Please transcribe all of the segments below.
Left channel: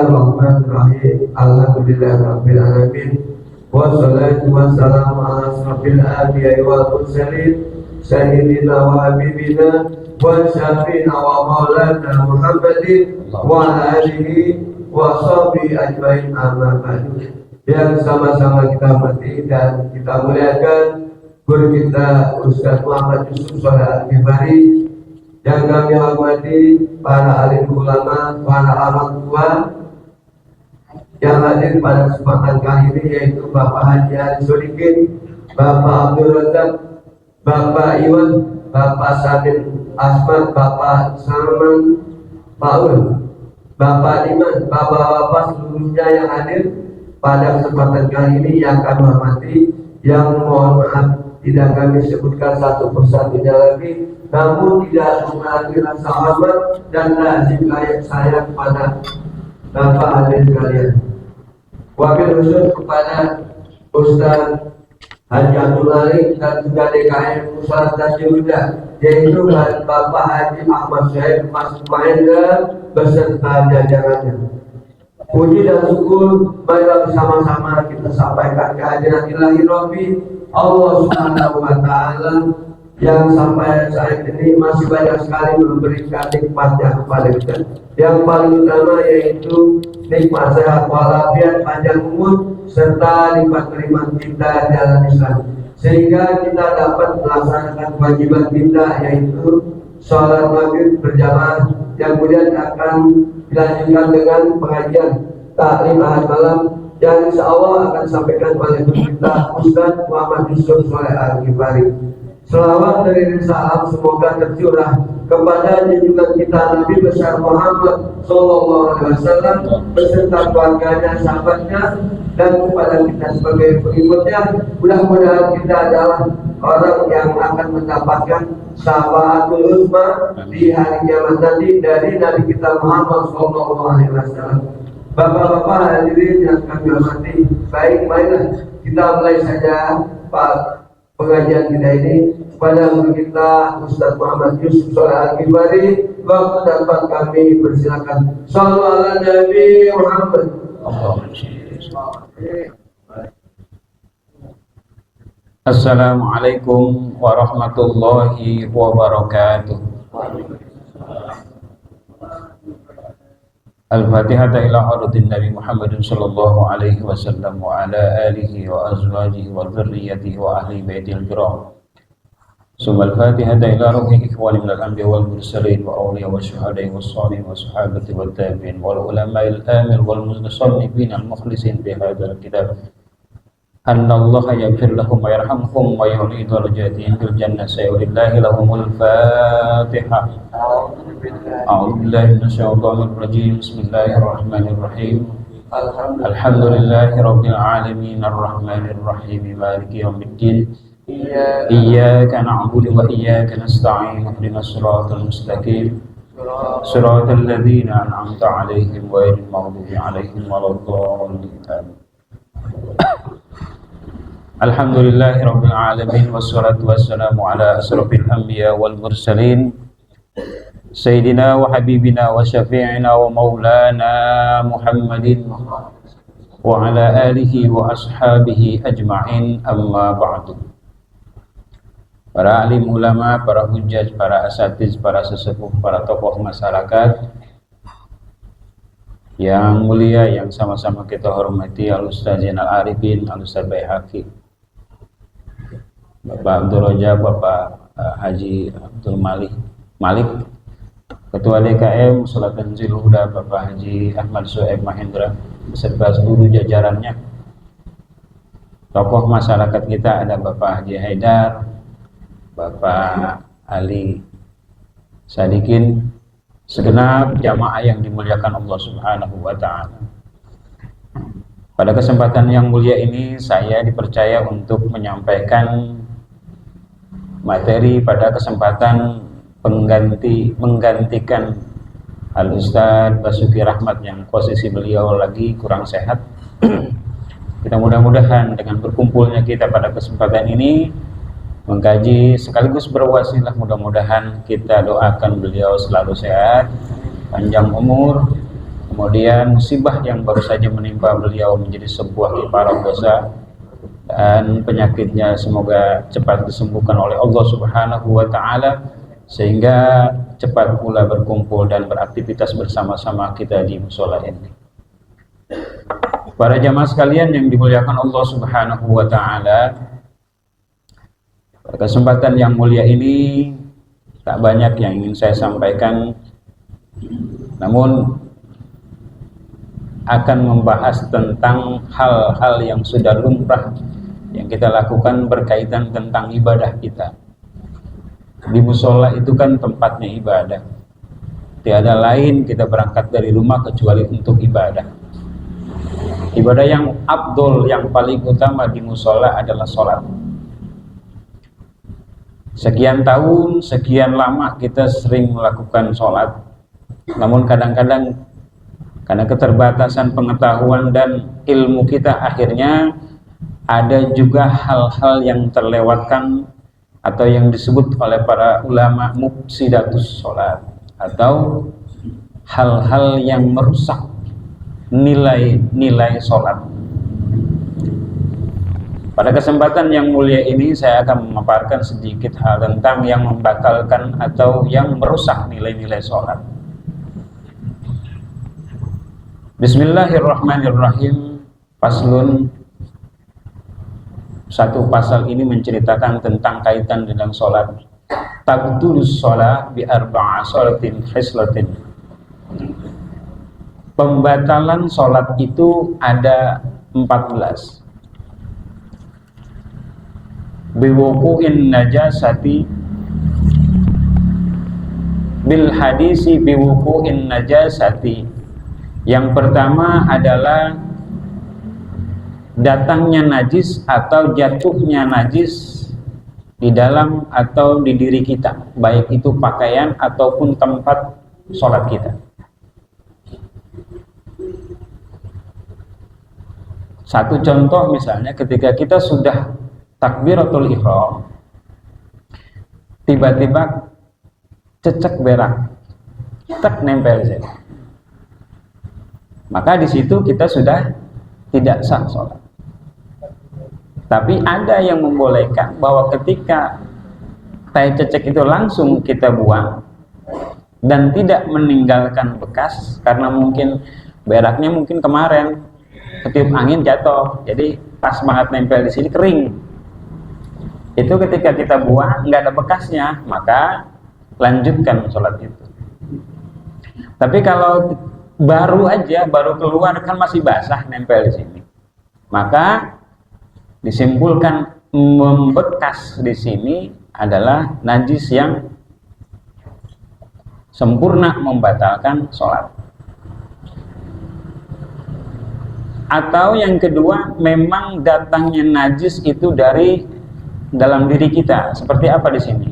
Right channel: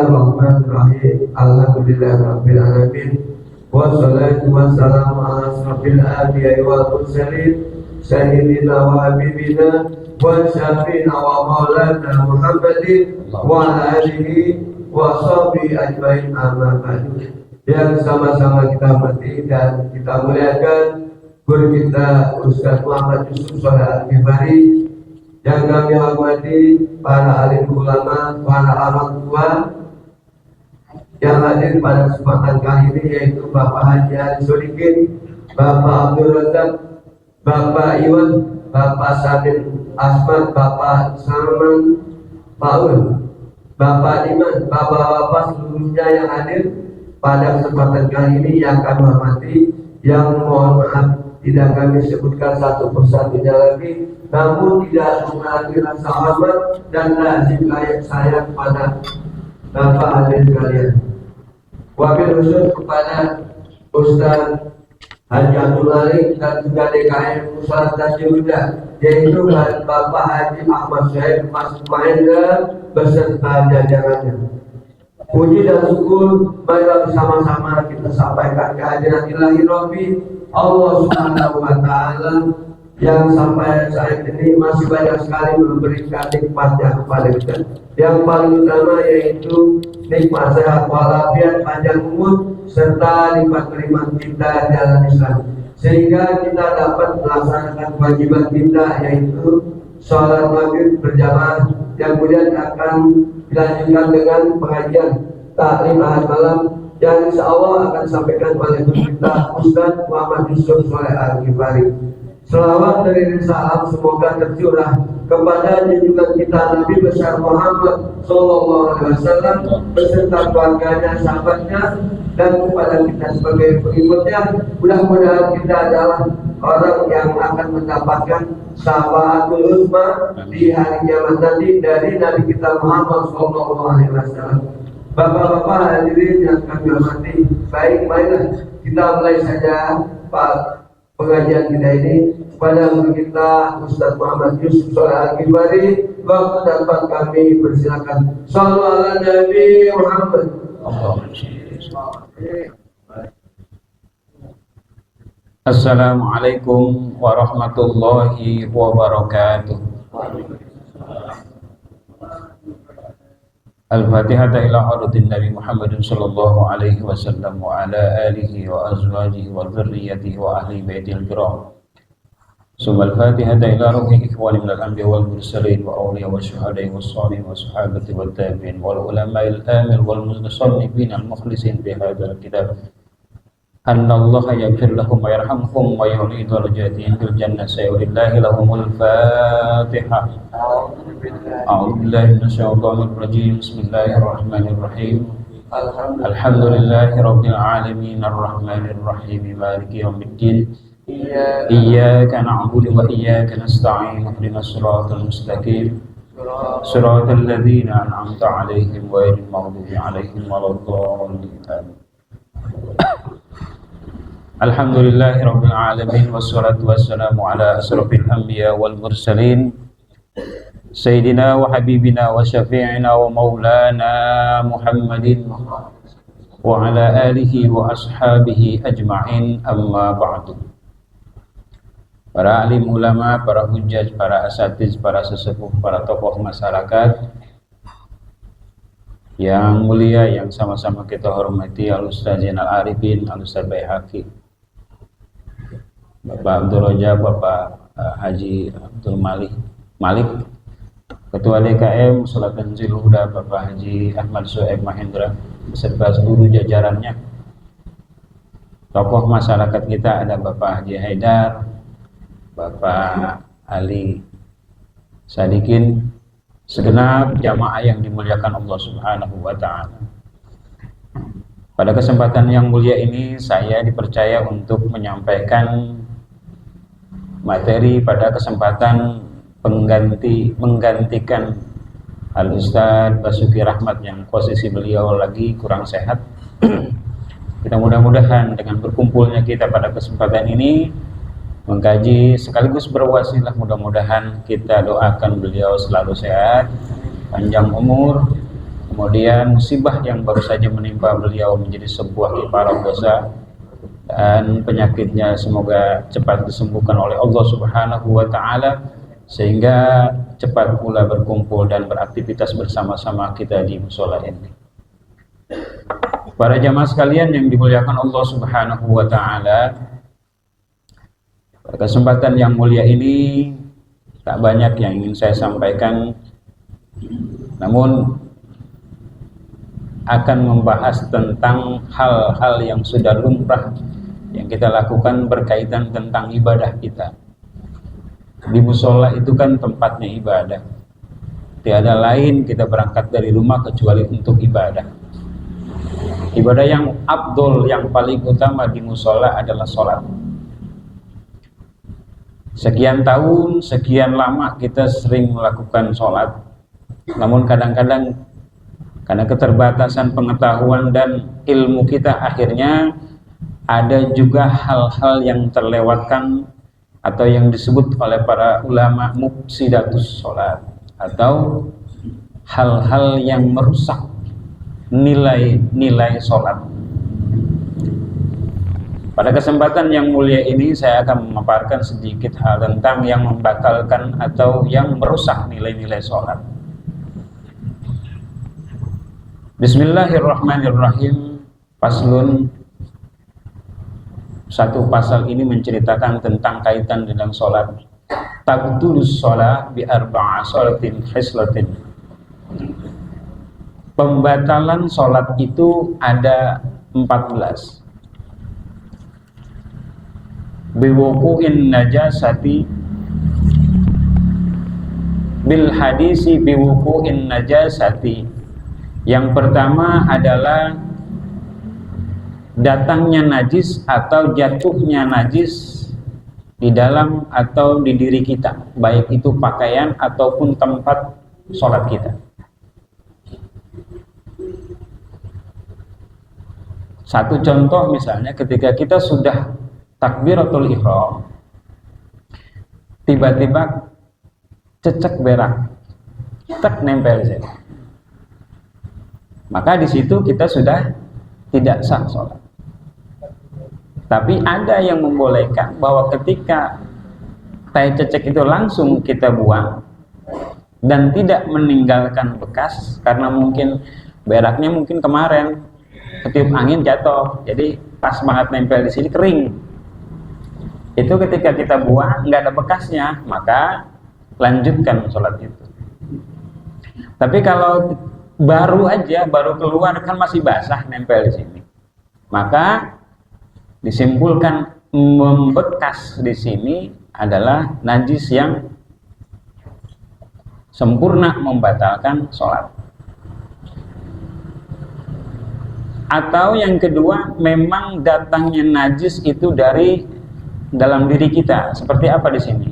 Bismillahirrahmanirrahim. Alhamdulillahirabbil alamin. Wassalatu wassalamu ala asrofil anbiya'i wal mursalin sayyidina wa habibina wa syafi'ina wa maulana Muhammadin wa ala alihi wa sahbihi ajmain, amma ba'du. Yang sama-sama kita hormati dan kita muliakan guru kita Ustaz Muhammad Yusuf Sholeh Al-Ghifari, yang kami hormati para alim ulama, para orang tua yang hadir pada kesempatan kali ini, yaitu Bapak Haji Ali Solikin, Bapak Abdul Razak, Bapak Iwan, Bapak Sabit Asmat, Bapak Salman Paul, Bapak Iman, Bapak-bapak seluruhnya yang hadir pada kesempatan kali ini yang kami hormati, yang mohon maaf tidak kami sebutkan satu persatunya lagi, namun tidak mengurangi rasa hormat dan lazim layak saya kepada Bapak hadir sekalian. Wabil khusus kepada Ustaz Haji Abdul Malik dan juga DKM Pusat Tajirudha, yaitu Bapak Haji Ahmad Syed Mas Mahendra beserta jajarannya. Puji dan syukur marilah bersama-sama kita sampaikan kehadiran ilahi Rabbi Allah Subhanahu wa Ta'ala yang sampai saat ini masih banyak sekali memberikan nikmatnya kepada kita. Yang paling utama yaitu nikmat sehat walafiat, panjang umur, serta nikmat keimanan kita dalam Islam, sehingga kita dapat melaksanakan kewajiban kita, yaitu sholat maghrib berjamaah, yang kemudian akan dilanjutkan dengan pengajian taklim ahad malam yang insya Allah akan disampaikan oleh kita Ustaz Muhammad Yusuf Sholeh Al-Ghifari. Selawat dari salam semoga tercurah kepada junjungan kita Nabi besar Muhammad Sallallahu Alaihi Wasallam beserta keluarganya, sahabatnya, dan kepada kita sebagai pengikutnya. Mudah-mudahan kita adalah orang yang akan mendapatkan syafaatul uzma di hari kiamat nanti dari Nabi kita Muhammad Sallallahu Alaihi Wasallam. Bapak-bapak hadirin yang kami hormati, baik, marilah kita mulai saja Pak pengajian kita ini pada guru kita Ustaz Muhammad Yusuf Sholeh Al-Ghifari. Waktu dapat kami persilakan. Shallallahu ala Nabi Muhammad. Assalamualaikum warahmatullahi wabarakatuh. Al-Fatihah ila hadratin Nabi Muhammad sallallahu alaihi wasallam wa ala alihi wa azwajihi wa dzurriyyatihi wa ahli baitil kiram. Summa al-Fatihah ila ruhi ikhwani minal anbiya wal mursalin wa awliya wa syuhada'i was salihin wa sahabati wat tabi'in wal ulama'il amil wal musannifin al mukhlisin bi hadzal kitab. Anna Allah yaghfir lahum wa yarhamhum wa yu'li darajatihim fil jannah. Sayyidillahi lahumul Fatihah. A'udzu billahi minasyaitonir rajim. Bismillahirrahmanirrahim. Alhamdulillahi rabbil alamin arrahmanir rahim maliki yaumiddin. Iyyaka na'budu wa iyyaka nasta'in. Ihdinas siratal mustaqim. Siratal ladzina an'amta 'alaihim ghairil maghdubi 'alaihim waladdallin. Alhamdulillahi rabbil alamin wassalatu wassalamu ala asrofil anbiya wal mursalin sayyidina wa habibina wa syafi'ina wa maulana Muhammadin wa ala alihi wa ashabihi ajma'in, amma ba'du. Para alim ulama, para hujjaj, para asatiz, para sesepuh, para tokoh masyarakat yang mulia yang sama-sama kita hormati, Al-Ustaz Zainal Arifin, Al-Ustaz Baihaqi, Bapak Abdul Rajab, Bapak Haji Abdul Malik, Ketua DKM Salat Tanzil Huda, Bapak Haji Ahmad Syed Mahendra beserta seluruh jajarannya. Tokoh masyarakat kita ada Bapak Haji Haidar, Bapak Ali Sadikin, segenap jamaah yang dimuliakan Allah Subhanahu wa Ta'ala. Pada kesempatan yang mulia ini saya dipercaya untuk menyampaikan materi pada kesempatan menggantikan Al-Ustaz Basuki Rahmat yang posisi beliau lagi kurang sehat. Kita mudah-mudahan dengan berkumpulnya kita pada kesempatan ini mengkaji sekaligus berwasilah, mudah-mudahan kita doakan beliau selalu sehat, panjang umur, kemudian musibah yang baru saja menimpa beliau menjadi sebuah kiparat dosa, dan penyakitnya semoga cepat disembuhkan oleh Allah Subhanahu wa Ta'ala, sehingga cepat pula berkumpul dan beraktivitas bersama-sama kita di musola ini. Para jamaah sekalian yang dimuliakan Allah Subhanahu wa Ta'ala, kesempatan yang mulia ini tak banyak yang ingin saya sampaikan, namun akan membahas tentang hal-hal yang sudah lumrah yang kita lakukan berkaitan tentang ibadah kita. Di musola itu kan tempatnya ibadah, tiada lain kita berangkat dari rumah kecuali untuk ibadah. Ibadah yang afdol, yang paling utama di musola adalah sholat. Sekian tahun, sekian lama kita sering melakukan sholat, namun kadang-kadang karena keterbatasan pengetahuan dan ilmu kita, akhirnya ada juga hal-hal yang terlewatkan atau yang disebut oleh para ulama mufsidatus sholat, atau hal-hal yang merusak nilai-nilai sholat. Pada kesempatan yang mulia ini saya akan memaparkan sedikit hal tentang yang membatalkan atau yang merusak nilai-nilai sholat. Bismillahirrahmanirrahim. Faslun. Satu pasal ini menceritakan tentang kaitan dengan sholat. Tabtulus sholat bi arba'a sholatin khislatin. Pembatalan sholat itu ada 14. Biwuku'in najasati, bil hadisi biwuku'in najasati. Yang pertama adalah datangnya najis atau jatuhnya najis di dalam atau di diri kita, baik itu pakaian ataupun tempat sholat kita. Satu contoh misalnya ketika kita sudah takbiratul ihram, tiba-tiba cecek berak, tak nempel di situ, maka di situ kita sudah tidak sah sholat. Tapi ada yang membolehkan bahwa ketika tai cecek itu langsung kita buang dan tidak meninggalkan bekas, karena mungkin beraknya mungkin kemarin ketiup angin jatuh, jadi pas banget nempel di sini kering. Itu ketika kita buang nggak ada bekasnya, maka lanjutkan sholat itu. Tapi kalau baru keluar kan masih basah nempel di sini, maka disimpulkan membekas di sini adalah najis yang sempurna membatalkan sholat. Atau yang kedua, memang datangnya najis itu dari dalam diri kita. Seperti apa di sini?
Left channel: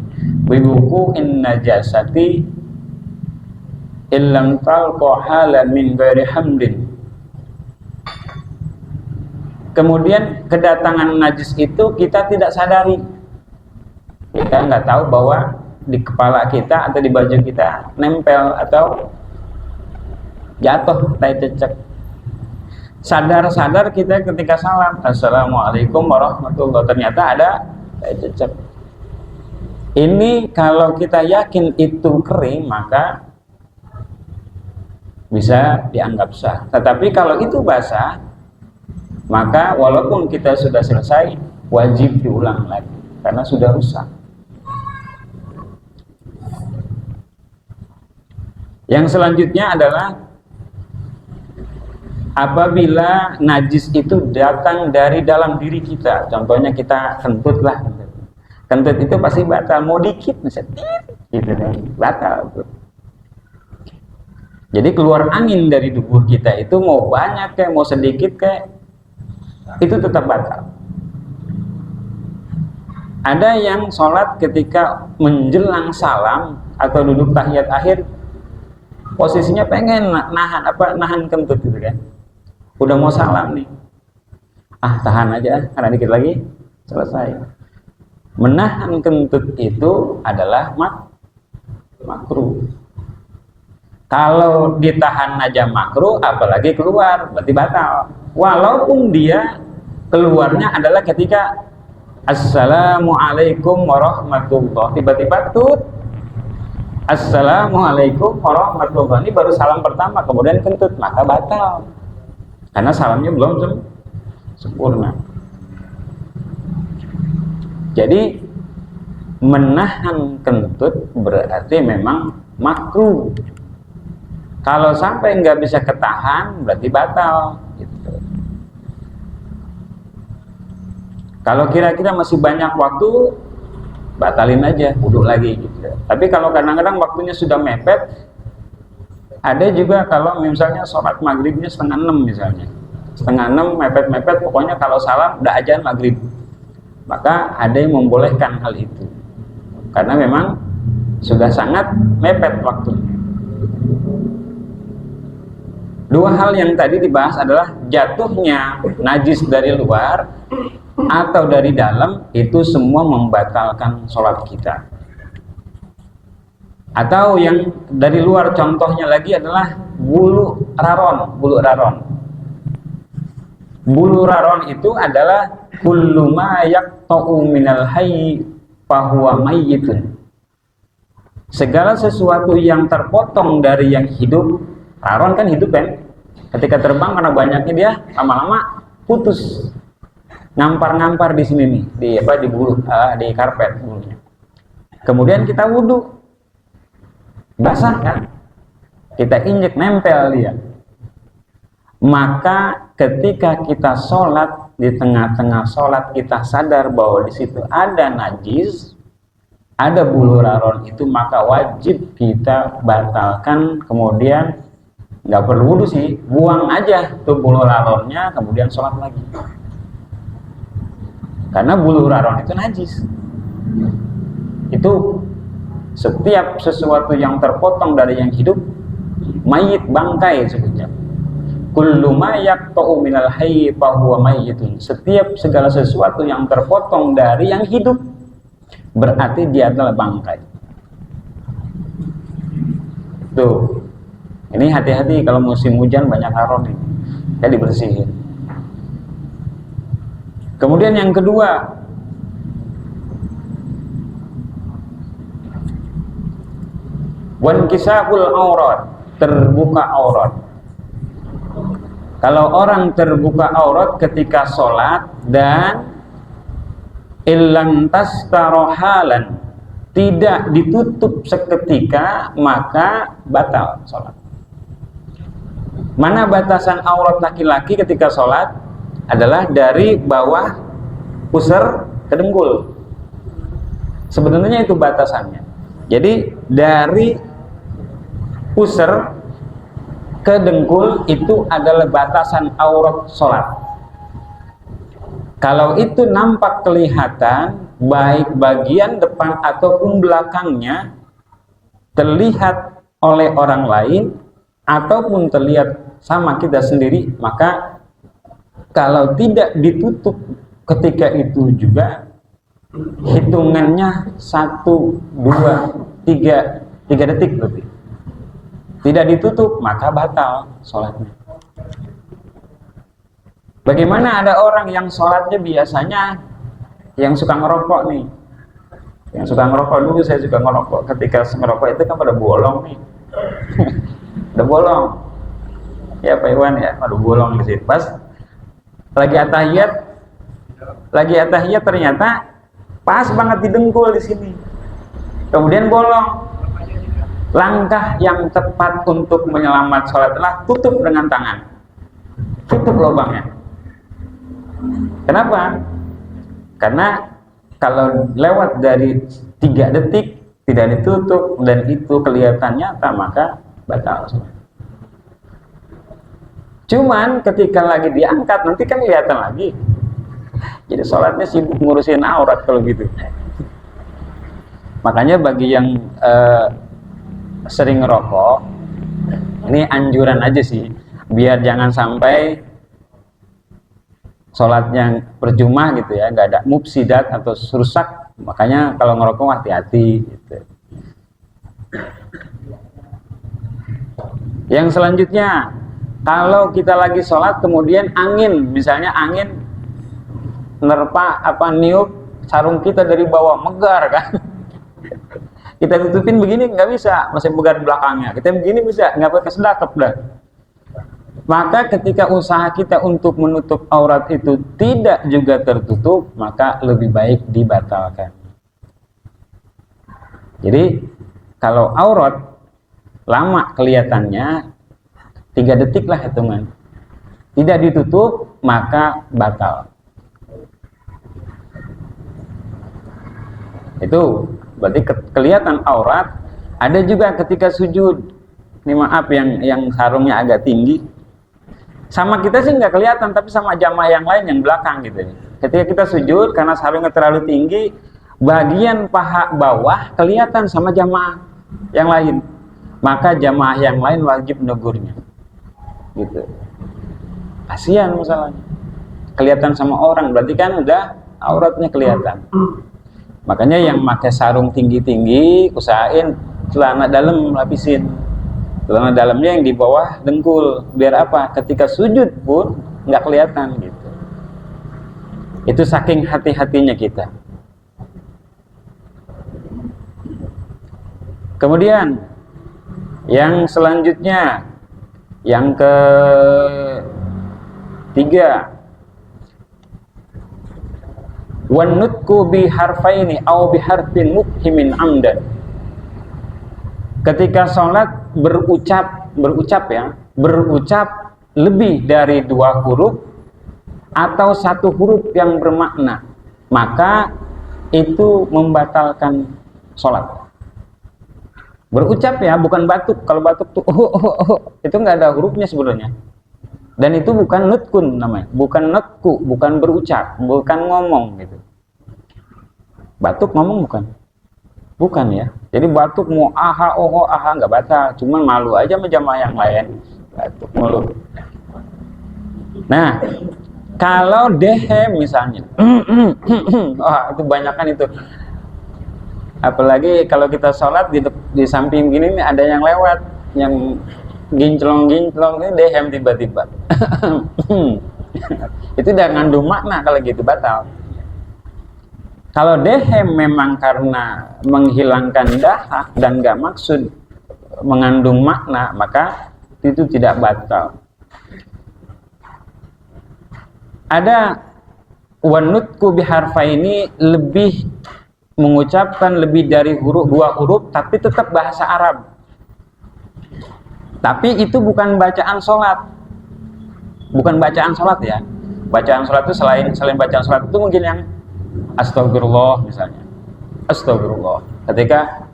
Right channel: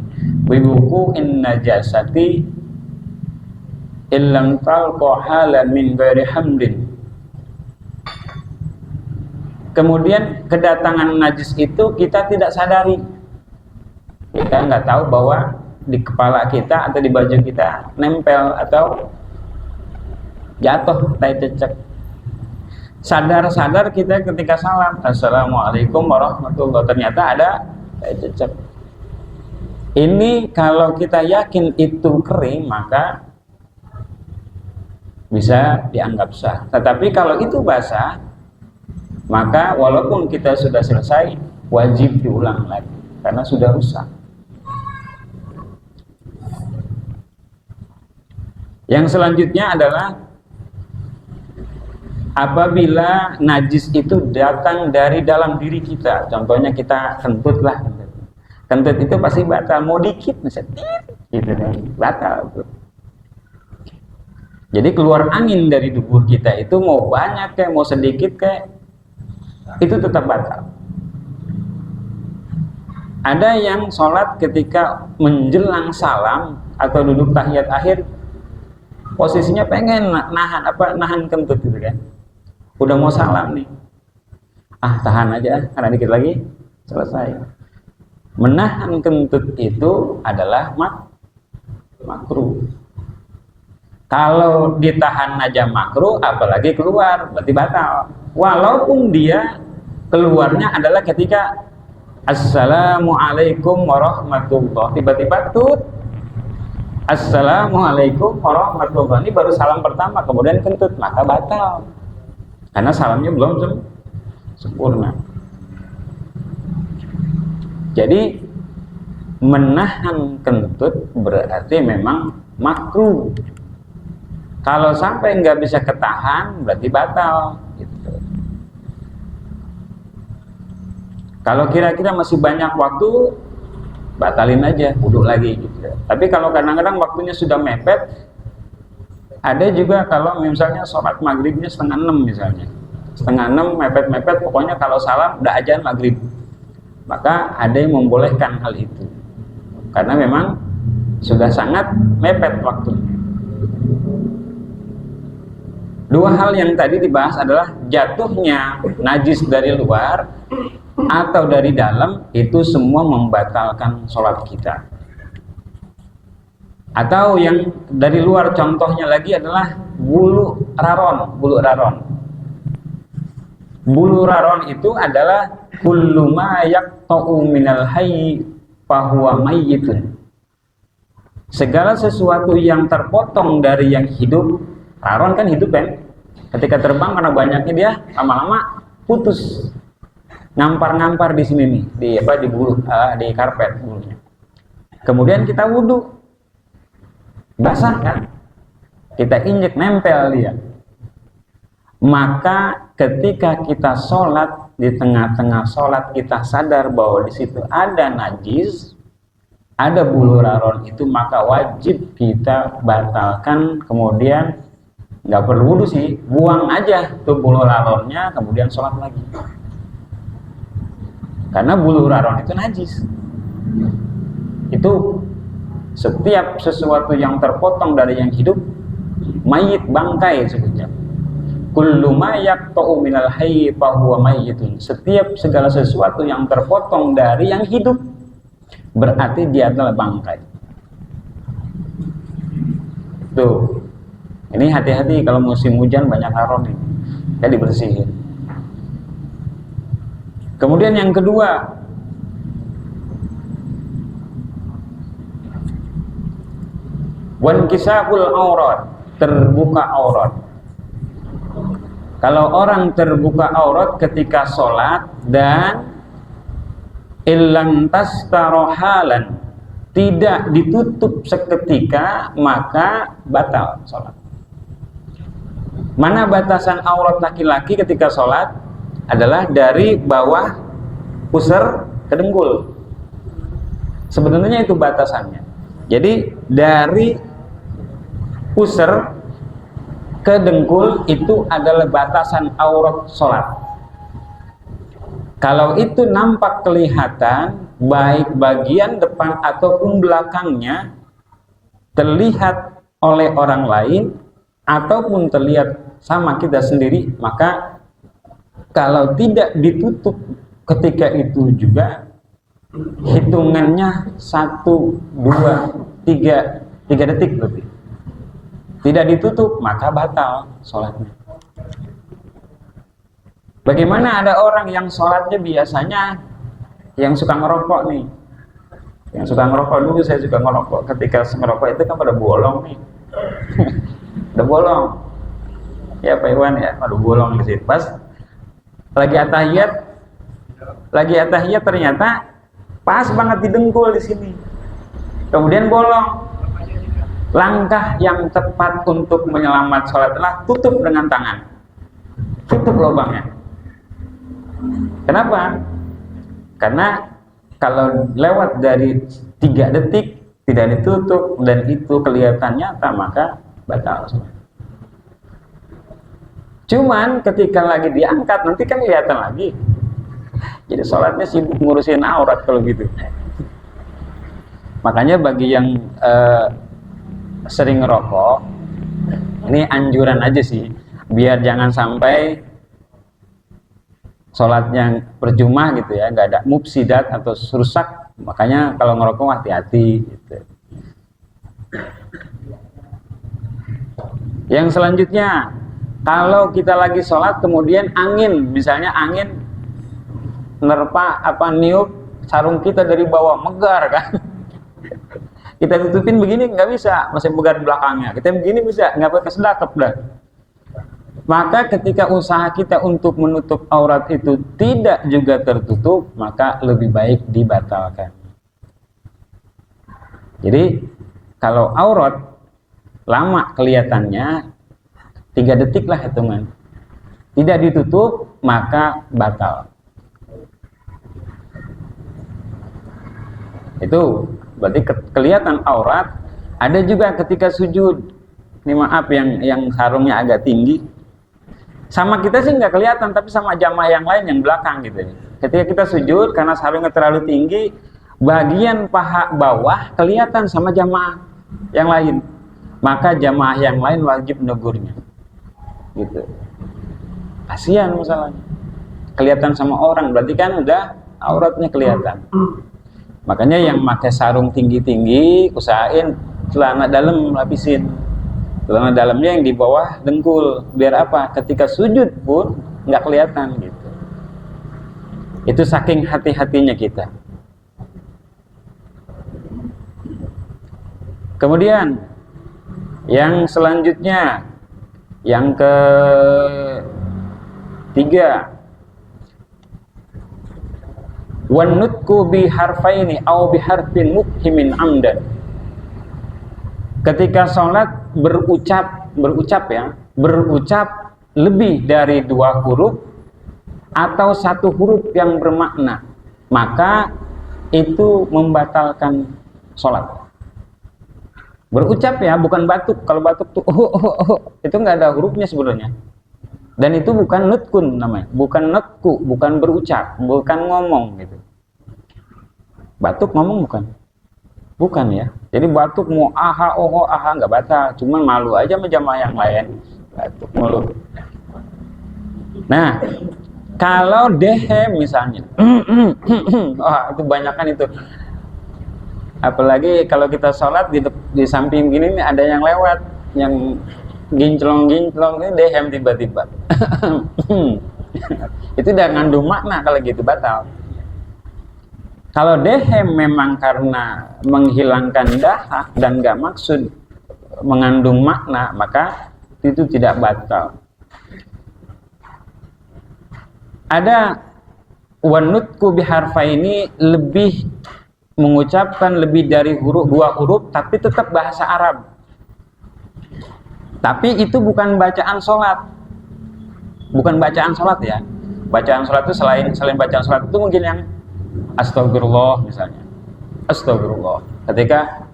Biwuku'in najasati illam talqa halan min ghairi hamdin. Kemudian kedatangan najis itu kita tidak sadari. Kita nggak tahu bahwa di kepala kita atau di baju kita nempel atau jatuh tai cecek. Sadar-sadar kita ketika salam, assalamualaikum warahmatullahi, ternyata ada tai cecek. Ini kalau kita yakin itu kering, maka bisa dianggap sah. Tetapi kalau itu basah, maka walaupun kita sudah selesai, wajib diulang lagi karena sudah rusak. Yang selanjutnya adalah apabila najis itu datang dari dalam diri kita. Contohnya kita kentut lah, kentut itu pasti batal, mau dikit misalnya gitu kan, batal. Jadi keluar angin dari tubuh kita itu mau banyak kayak mau sedikit kayak itu tetap batal. Ada yang sholat ketika menjelang salam atau duduk tahiyat akhir, posisinya pengen nahan kentut gitu kan, udah mau salam nih, tahan aja karena dikit lagi selesai. Menahan kentut itu adalah makruh. Kalau ditahan aja makruh, apalagi keluar, berarti batal. Walaupun dia keluarnya adalah ketika Assalamualaikum warahmatullahi, tiba-tiba tut Assalamualaikum warahmatullahi, ini baru salam pertama, kemudian kentut, maka batal. Karena salamnya belum sempurna. Jadi menahan kentut berarti memang makruh. Kalau sampai nggak bisa ketahan berarti batal gitu. Kalau kira-kira masih banyak waktu, batalin aja, wudhu lagi gitu. Tapi kalau kadang-kadang waktunya sudah mepet, ada juga kalau misalnya sholat maghribnya 5:30 misalnya, 5:30 mepet-mepet, pokoknya kalau salam udah azan maghrib, maka ada yang membolehkan hal itu karena memang sudah sangat mepet waktunya. Dua hal yang tadi dibahas adalah jatuhnya najis dari luar atau dari dalam, itu semua membatalkan sholat kita. Atau yang dari luar, contohnya lagi adalah bulu raron. Bulu raron itu adalah kullu ma yaqta'u minal hayy fahuwa mayyitun. Segala sesuatu yang terpotong dari yang hidup. Raron kan hidup kan, ketika terbang karena banyaknya dia lama-lama putus, ngampar-ngampar di sini nih, di bulu, di karpet bulunya. Kemudian kita wudhu, basah kan, kita injek nempel dia. Maka ketika kita sholat, di tengah-tengah sholat kita sadar bahwa di situ ada najis, ada bulu raron itu, maka wajib kita batalkan. Kemudian nggak perlu wudhu sih, buang aja tuh bulu raronnya, kemudian sholat lagi. Karena bulu raron itu najis. Itu setiap sesuatu yang terpotong dari yang hidup, mayit, bangkai sebutnya. Kullu ma yaqta'u minal hayy fa huwa mayyitun. Setiap segala sesuatu yang terpotong dari yang hidup berarti dia adalah bangkai. Tuh. Ini hati-hati kalau musim hujan banyak raron nih, ya dibersihin. Kemudian yang kedua, wankisahul aurat, terbuka aurat. Kalau orang terbuka aurat ketika sholat dan illam tastarohalan, tidak ditutup seketika, maka batal sholat. Mana batasan aurat laki-laki ketika sholat? Adalah dari bawah pusar ke dengkul. Sebenarnya itu batasannya. Jadi dari pusar ke dengkul itu adalah batasan aurat sholat. Kalau itu nampak kelihatan, baik bagian depan ataupun belakangnya, terlihat oleh orang lain ataupun terlihat sama kita sendiri, maka kalau tidak ditutup ketika itu juga, hitungannya 1, 2, 3 detik lebih. Tidak ditutup, maka batal sholatnya. Bagaimana ada orang yang sholatnya biasanya yang suka ngerokok nih, yang suka ngerokok, dulu saya juga ngerokok. Ketika ngerokok itu kan pada bolong nih. Udah bolong ya Pak Iwan ya, aduh bolong di situ. Pas lagi atahiyat ternyata pas banget di dengkul di sini, kemudian bolong. Langkah yang tepat untuk menyelamat sholat adalah tutup dengan tangan, tutup lubangnya. Kenapa? Karena kalau lewat dari 3 detik tidak ditutup dan itu kelihatan nyata, maka batal. Cuman ketika lagi diangkat nanti kan kelihatan lagi. Jadi sholatnya sibuk ngurusin aurat kalau gitu. Makanya bagi yang sering ngerokok, ini anjuran aja sih, biar jangan sampai sholatnya percuma gitu ya, nggak ada mufsidat atau rusak. Makanya kalau ngerokok hati-hati gitu. Yang selanjutnya, kalau kita lagi sholat kemudian angin, misalnya angin nerpa niup sarung kita dari bawah, megar kan. Kita tutupin begini nggak bisa, masih megar belakangnya. Kita begini bisa, nggak pakai sedekap dah. Maka ketika usaha kita untuk menutup aurat itu tidak juga tertutup, maka lebih baik dibatalkan. Jadi kalau aurat lama kelihatannya 3 detik lah hitungan, tidak ditutup maka batal. Itu berarti kelihatan aurat. Ada juga ketika sujud, ini maaf yang sarungnya agak tinggi, sama kita sih nggak kelihatan, tapi sama jamaah yang lain yang belakang gitu. Ketika kita sujud karena sarungnya terlalu tinggi, bagian paha bawah kelihatan sama jamaah yang lain, maka jamaah yang lain wajib negurnya gitu. Kasihan masalahnya, kelihatan sama orang, berarti kan udah auratnya kelihatan. Makanya yang pakai sarung tinggi-tinggi usahain celana dalam lapisin, celana dalamnya yang di bawah dengkul, biar apa, ketika sujud pun nggak kelihatan gitu. Itu saking hati-hatinya kita. Kemudian yang selanjutnya, yang ketiga, wanutku bi harfaini au bi harfin mubhimin amdan. Ketika sholat berucap lebih dari 2 huruf atau 1 huruf yang bermakna, maka itu membatalkan sholat. Berucap ya, bukan batuk. Kalau batuk tuh itu nggak ada hurufnya sebenarnya. Dan itu bukan nutkun namanya, bukan netku, bukan berucap, bukan ngomong gitu. Batuk ngomong bukan ya. Jadi batuk mau aha nggak batal, cuman malu aja sama jamaah yang lain. Batuk mulu. Nah, kalau dehem misalnya, itu banyakan itu. Apalagi kalau kita sholat di samping gini nih ada yang lewat, yang ginclong ini dehem tiba-tiba. Itu udah ngandung makna, kalau gitu batal. Kalau dehem memang karena menghilangkan dahak dan gak maksud mengandung makna, maka itu tidak batal. Ada wanutku biharfa ini lebih mengucapkan lebih dari 2 huruf tapi tetap bahasa Arab. Tapi itu bukan bacaan sholat. Bukan bacaan sholat ya. Bacaan sholat itu selain bacaan sholat itu mungkin yang astagfirullah misalnya. Astagfirullah. Ketika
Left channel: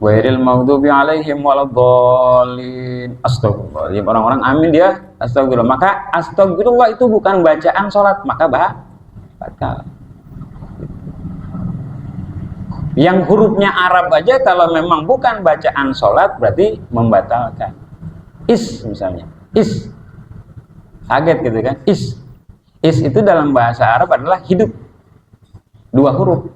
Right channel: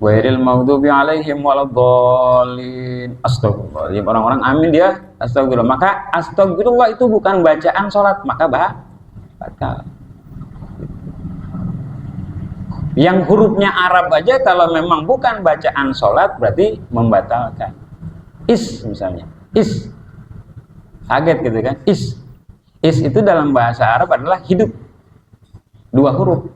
ghairil maghdubi alaihim waladhdallin. Astagfirullah. Jadi orang-orang amin dia astagfirullah. Maka astagfirullah itu bukan bacaan sholat, maka batal. Yang hurufnya Arab aja kalau memang bukan bacaan sholat berarti membatalkan. Misalnya kaget gitu kan. Is itu dalam bahasa Arab adalah hidup, 2 huruf.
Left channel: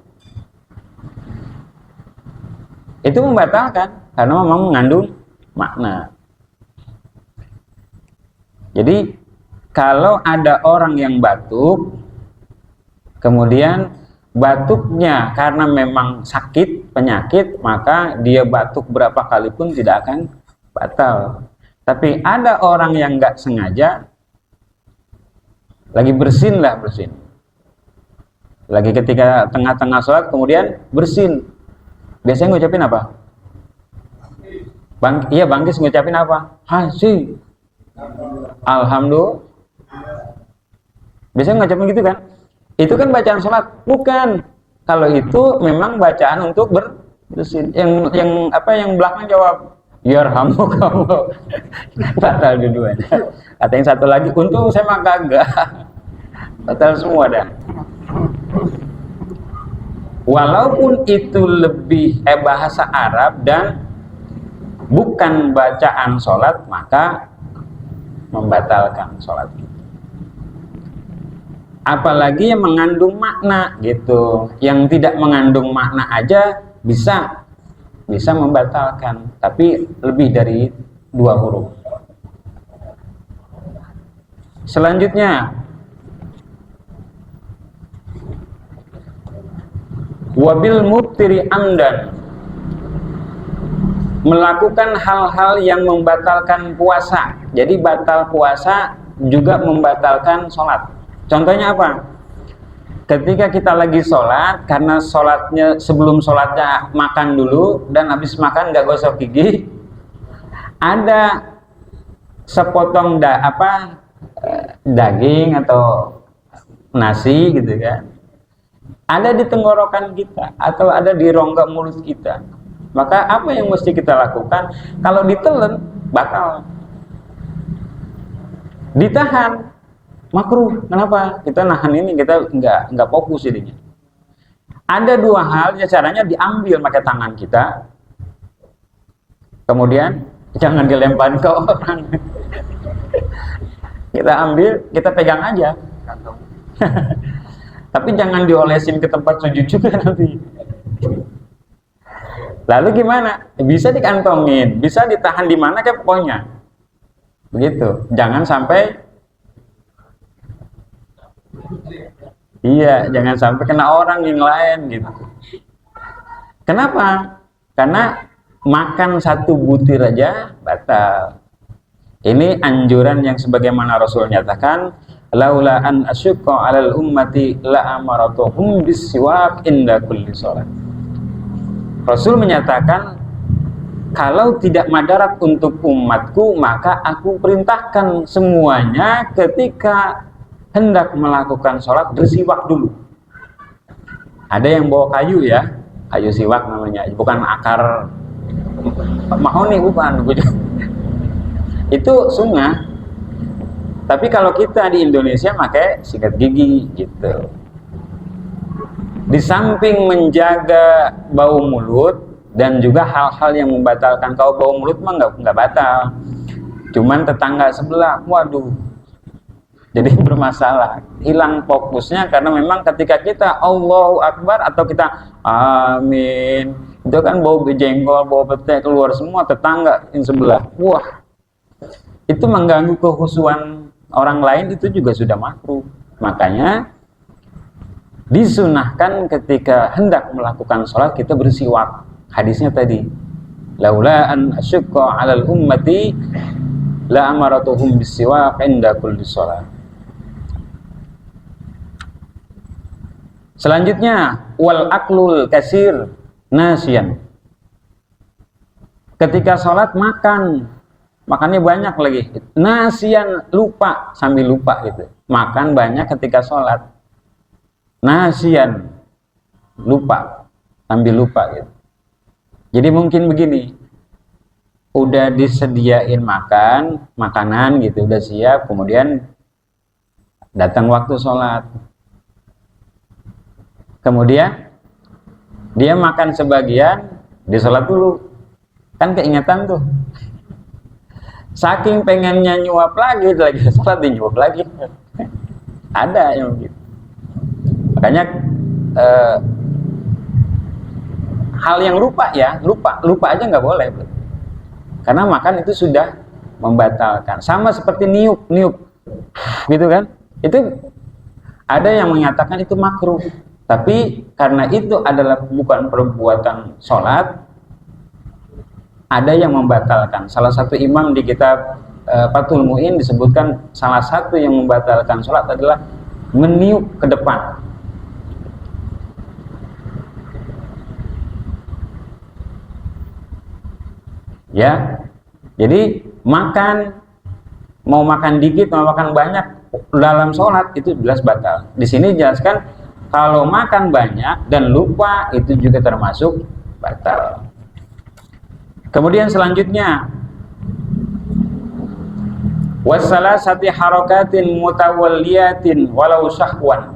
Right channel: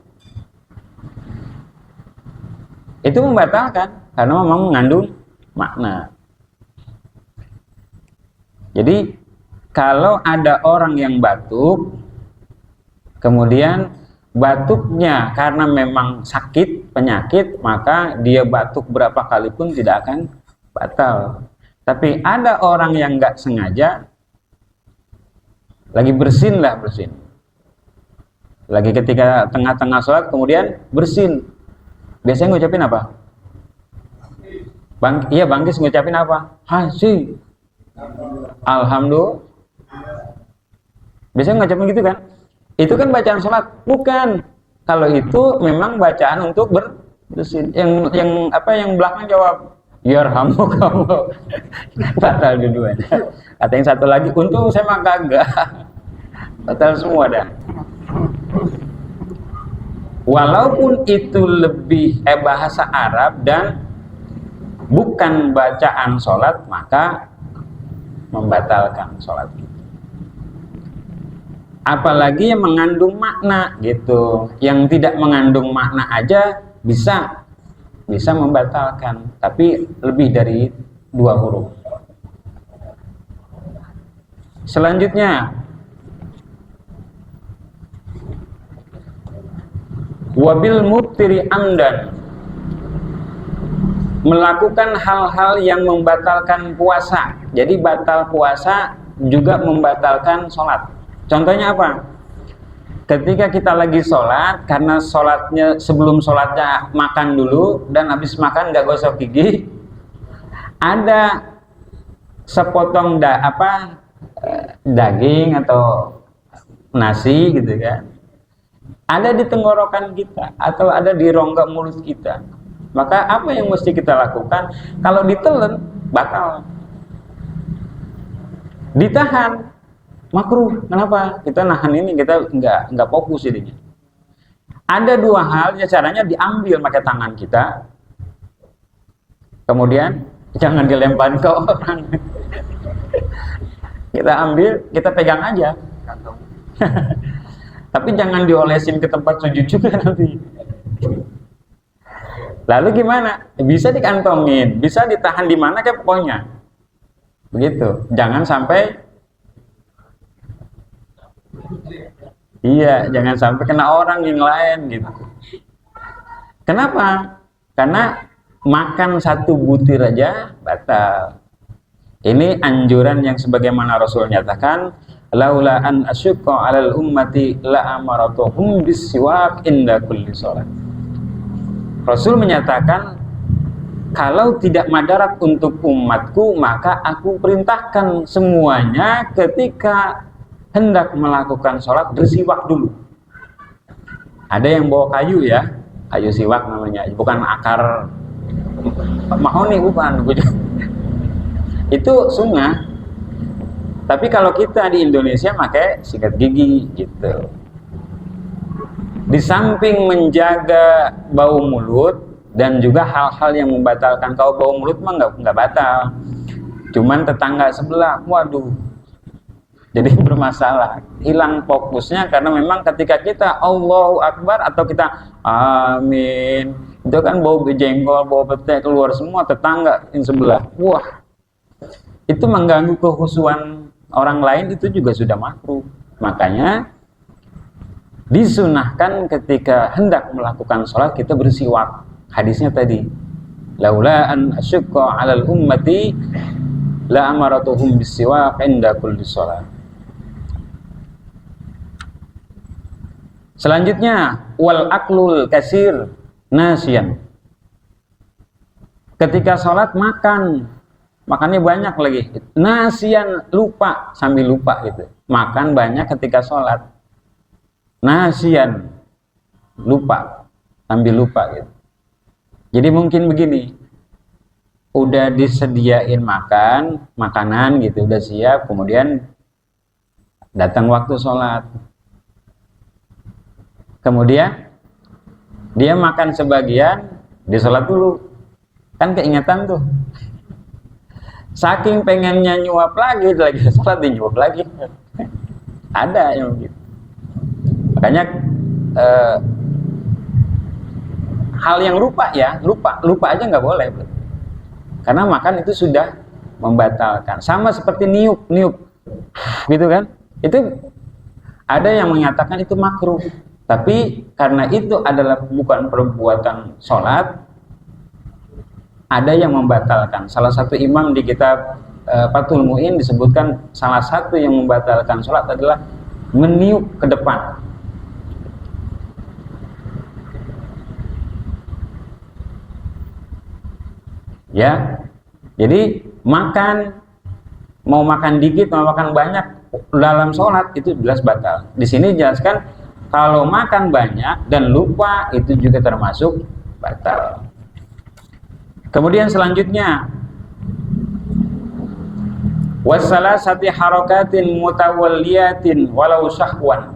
Itu membatalkan karena memang mengandung makna. Jadi kalau ada orang yang batuk, kemudian batuknya karena memang sakit, penyakit, maka dia batuk berapa kali pun tidak akan batal. Tapi ada orang yang nggak sengaja, lagi bersin. Lagi ketika tengah-tengah sholat kemudian bersin. Biasanya ngucapin apa? Bangkis ngucapin apa? Hasim. Alhamdulillah. Biasanya ngucapin gitu kan? Itu kan bacaan sholat, bukan. Kalau itu memang bacaan untuk bersin. Yang belakang jawab, yarhamukallah. Batal dua-duanya. Kata yang satu lagi, untung saya mah kagak. Batal semua dah. Walaupun itu lebih bahasa Arab dan bukan bacaan sholat, maka membatalkan sholat. Apalagi yang mengandung makna gitu. Yang tidak mengandung makna aja bisa membatalkan, tapi lebih dari 2 huruf. Selanjutnya, wabil muftiri amdan, melakukan hal-hal yang membatalkan puasa. Jadi batal puasa juga membatalkan sholat. Contohnya apa? Ketika kita lagi sholat, karena sholatnya sebelum sholatnya makan dulu, dan habis makan nggak gosok gigi, ada sepotong daging atau nasi gitu kan, ada di tenggorokan kita atau ada di rongga mulut kita, maka apa yang mesti kita lakukan? Kalau ditelan batal, ditahan makruh. Kenapa? Kita nahan ini, kita nggak fokus jadinya. Ada 2 hal ya, caranya diambil pakai tangan kita, kemudian jangan dilempar ke orang. Kita ambil, kita pegang aja. Tapi jangan diolesin ke tempat sujud juga nanti. Lalu gimana? Bisa dikantongin, bisa ditahan di mana kayak pokoknya. Begitu. Jangan sampai jangan sampai kena orang yang lain gitu. Kenapa? Karena makan 1 butir aja batal. Ini anjuran yang sebagaimana Rasul nyatakan, laula an asyqa 'alal ummati la amaratuhum bisiwak inda kulli shalah. Rasul menyatakan, kalau tidak madarat untuk umatku, maka aku perintahkan semuanya ketika hendak melakukan sholat bersiwak dulu. Ada yang bawa kayu ya, kayu siwak namanya, bukan akar mahoni, bukan. Itu sunnah. Tapi kalau kita di Indonesia pakai sikat gigi gitu. Di samping menjaga bau mulut dan juga hal-hal yang membatalkan. Kalau bau mulut mah nggak batal, cuman tetangga sebelah, waduh, jadi bermasalah, hilang fokusnya. Karena memang ketika kita Allahu Akbar atau kita amin, itu kan bau jengkol, bau pete keluar semua, tetangga yang sebelah, wah, itu mengganggu kehusuan orang lain, itu juga sudah makruh. Makanya disunahkan ketika hendak melakukan sholat kita bersiwak. Hadisnya tadi, laula an asyqa 'alal ummati la amaratuhum bisiwak inda kulli shalah. Selanjutnya, wal aklul kasir nasian. Ketika sholat makannya banyak lagi, nasian, lupa, sambil lupa gitu. Makan banyak ketika sholat, nasian, lupa, sambil lupa gitu. Jadi mungkin begini, udah disediain makanan gitu, udah siap, kemudian datang waktu sholat, kemudian dia makan sebagian, dia sholat dulu, kan keingetan tuh. Saking pengennya nyuap lagi sholat, dia nyuap lagi. Ada yang begitu. Makanya hal yang lupa aja nggak boleh, karena makan itu sudah membatalkan. Sama seperti niup gitu kan, itu ada yang menyatakan itu makruh, tapi karena itu adalah bukan perbuatan sholat, ada yang membatalkan. Salah satu imam di kitab Fathul Mu'in disebutkan salah satu yang membatalkan sholat adalah meniup ke depan. Ya, jadi mau makan dikit, mau makan banyak dalam sholat itu jelas batal. Di sini jelaskan kalau makan banyak dan lupa itu juga termasuk batal. Kemudian selanjutnya, wassalasati harakatin mutawalliyatin walau syahwan.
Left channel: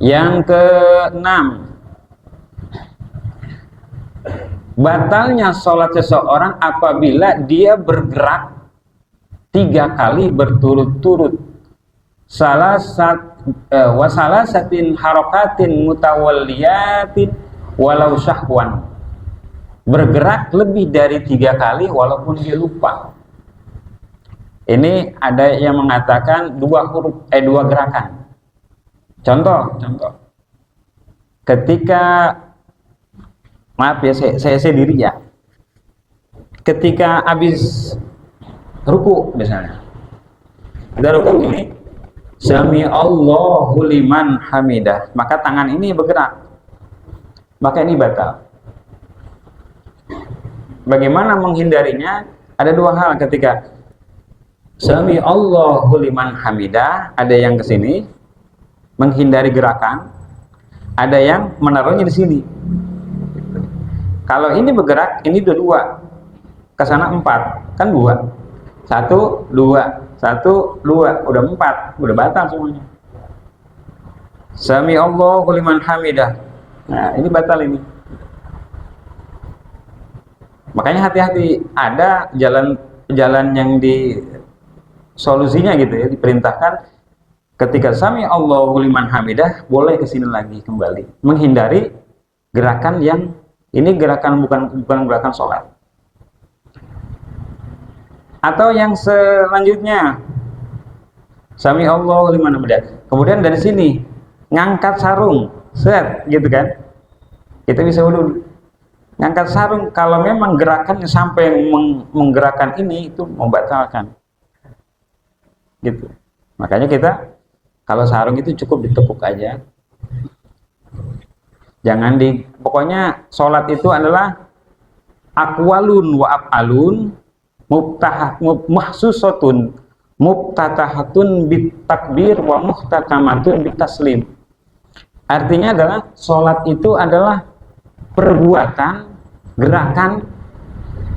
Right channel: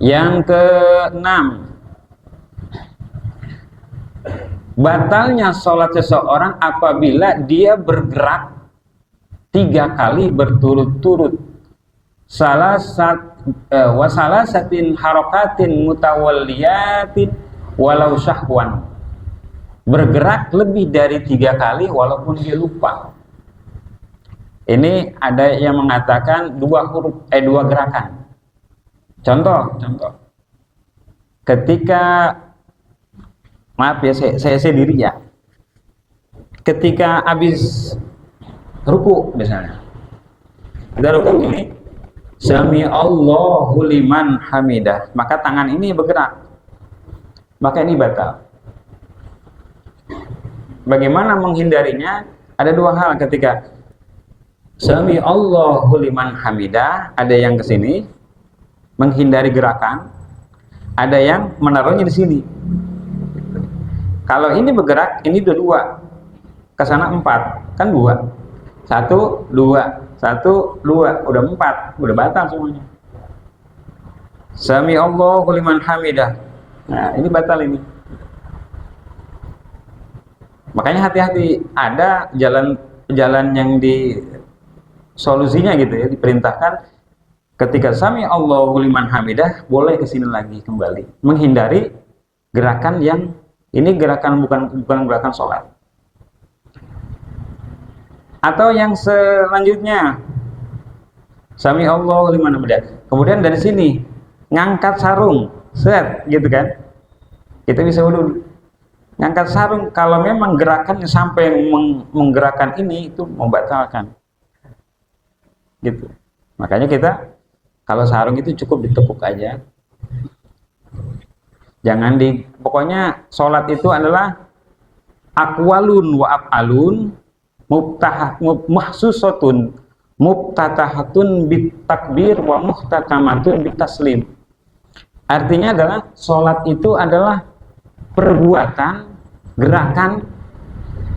Yang keenam, batalnya sholat seseorang apabila dia bergerak 3 kali berturut-turut. Wasalasatin harakatin mutawalliyatin walau syahwan. bergerak lebih dari 3 kali walaupun dia lupa. Ini ada yang mengatakan dua gerakan. Contoh. Ketika, maaf ya, saya diri ya. Ketika habis ruku misalnya, kita ruku ini, Sami Allahu liman hamidah, maka tangan ini bergerak, maka ini batal. Bagaimana menghindarinya? Ada 2 hal. Ketika Sami Allahu liman hamidah, ada yang ke sini menghindari gerakan, ada yang menaruhnya di sini. Kalau ini bergerak, ini 2, ke sana 4, kan 2. 1, 2, 1, 2, udah 4, udah batal semuanya. Sami Allahu liman hamidah. Nah, ini batal ini. Makanya hati-hati, ada jalan yang di solusinya gitu ya, diperintahkan ketika Sami Allahu liman hamidah boleh ke sini lagi kembali, menghindari gerakan yang ini bukan gerakan sholat. Atau yang selanjutnya, Sami Allahu liman hamidah, kemudian dari sini ngangkat sarung, set gitu kan, kita bisa dulu ngangkat sarung. Kalau memang gerakannya sampai menggerakkan ini, itu membatalkan gitu. Makanya kita kalau sarung itu cukup ditekuk aja, jangan pokoknya sholat itu adalah aqwalun wa af'alun mahsusatun muftatahatun bitakbir wa muhtatamatun bitaslim. Artinya adalah sholat itu adalah perbuatan, gerakan,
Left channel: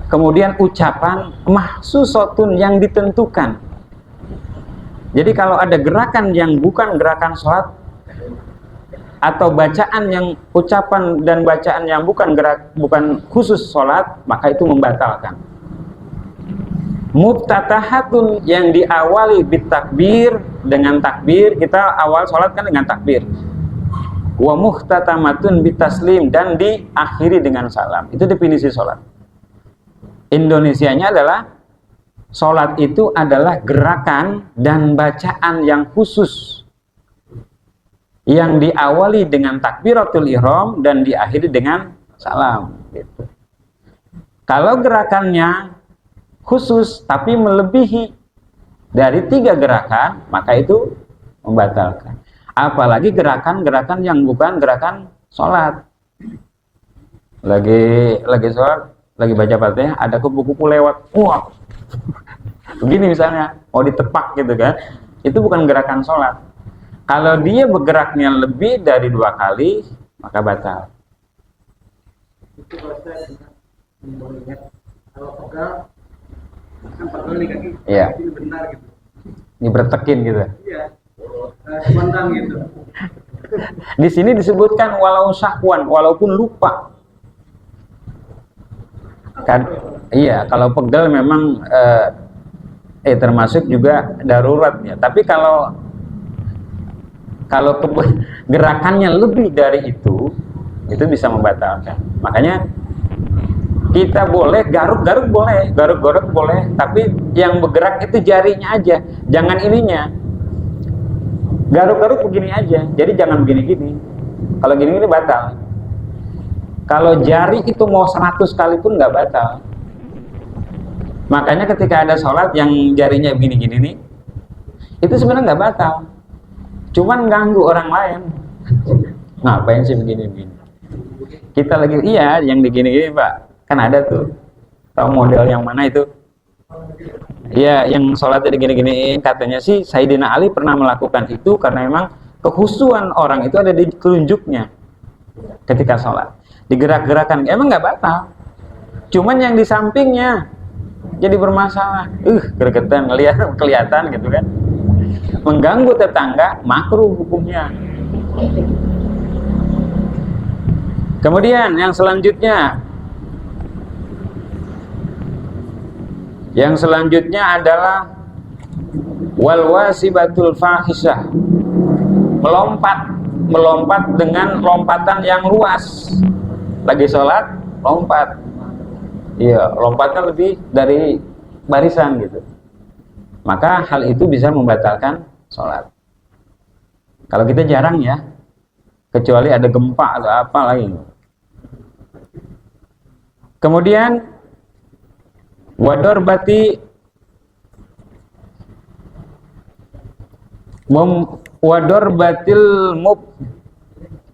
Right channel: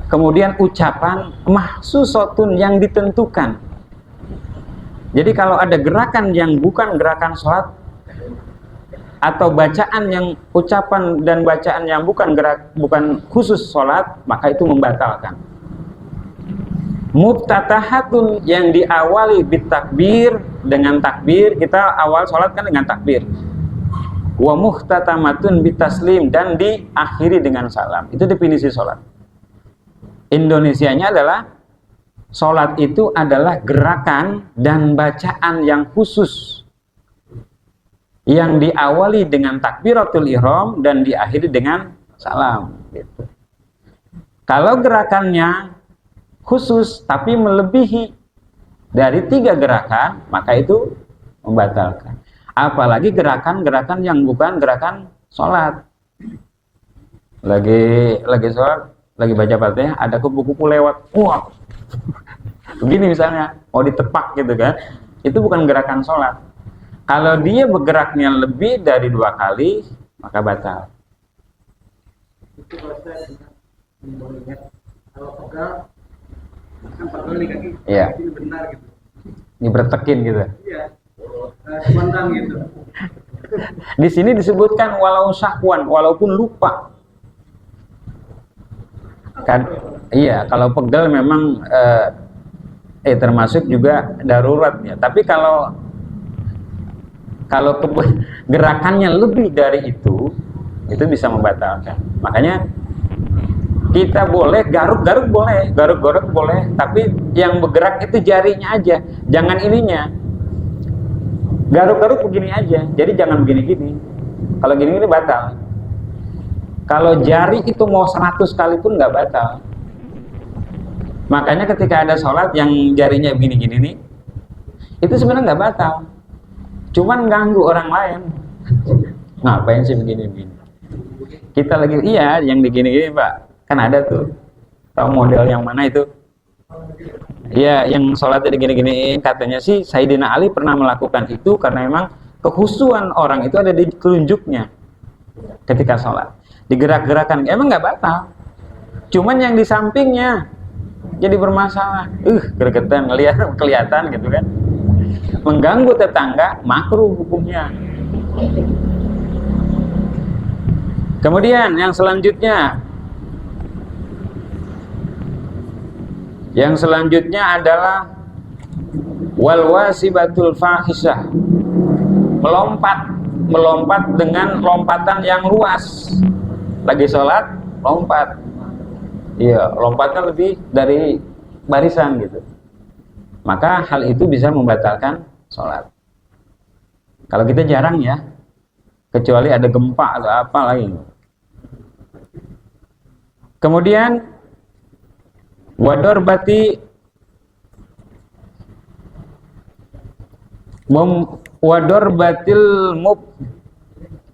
kemudian ucapan mahsusatun yang ditentukan. Jadi kalau ada gerakan yang bukan gerakan sholat, atau bacaan yang ucapan dan bacaan yang bukan khusus sholat, maka itu membatalkan. Muftatahatun yang diawali bitakbir, dengan takbir, kita awal sholat kan dengan takbir. Wa muhtatamatun bitaslim, dan diakhiri dengan salam. Itu definisi sholat. Indonesianya adalah sholat itu adalah gerakan dan bacaan yang khusus, yang diawali dengan takbiratul ihram dan diakhiri dengan salam gitu. Kalau gerakannya khusus tapi melebihi dari 3 gerakan, maka itu membatalkan. Apalagi gerakan-gerakan yang bukan gerakan sholat. Lagi sholat, lagi baca Fatihah, ada kupu-kupu lewat, wah, begini misalnya, mau ditepak gitu kan, itu bukan gerakan sholat. Kalau dia bergeraknya lebih dari 2 kali, maka batal. Kalau pegal, kan pegal nih kaki, Iya. ini benar gitu. Dibertekin gitu. Iya, spontan gitu. Di sini disebutkan walau sahwan, walaupun lupa. Kan, iya, kalau pegal memang termasuk juga darurat ya. Tapi kalau gerakannya lebih dari itu bisa membatalkan. Makanya kita boleh garuk-garuk boleh, tapi yang bergerak itu jarinya aja, jangan ininya. Garuk-garuk begini aja, jadi jangan begini-gini. Kalau gini-gini batal. Kalau jari itu mau 100 kali pun nggak batal. Makanya ketika ada sholat yang jarinya begini-gini nih, itu sebenarnya nggak batal, cuman ganggu orang lain. Ngapain sih begini-begini? Kita lagi, iya, yang begini-gini Pak, kan ada tuh, tahu model yang mana itu? Iya, yang sholatnya gini-gini. Katanya sih Sayyidina Ali pernah melakukan itu karena memang kekhusyuan orang itu ada di telunjuknya ketika sholat, digerak-gerakan, emang nggak batal, cuman yang di sampingnya jadi bermasalah, gregetan, kelihatan gitu kan, mengganggu tetangga, makruh hukumnya. Kemudian yang selanjutnya adalah wal wasibatul fahisah, melompat dengan lompatan yang luas. Lagi sholat lompat, Iya, lompatnya lebih dari barisan gitu. Maka hal itu bisa membatalkan sholat. Kalau kita jarang ya, kecuali ada gempa atau apa lagi. Kemudian wador bati wador batil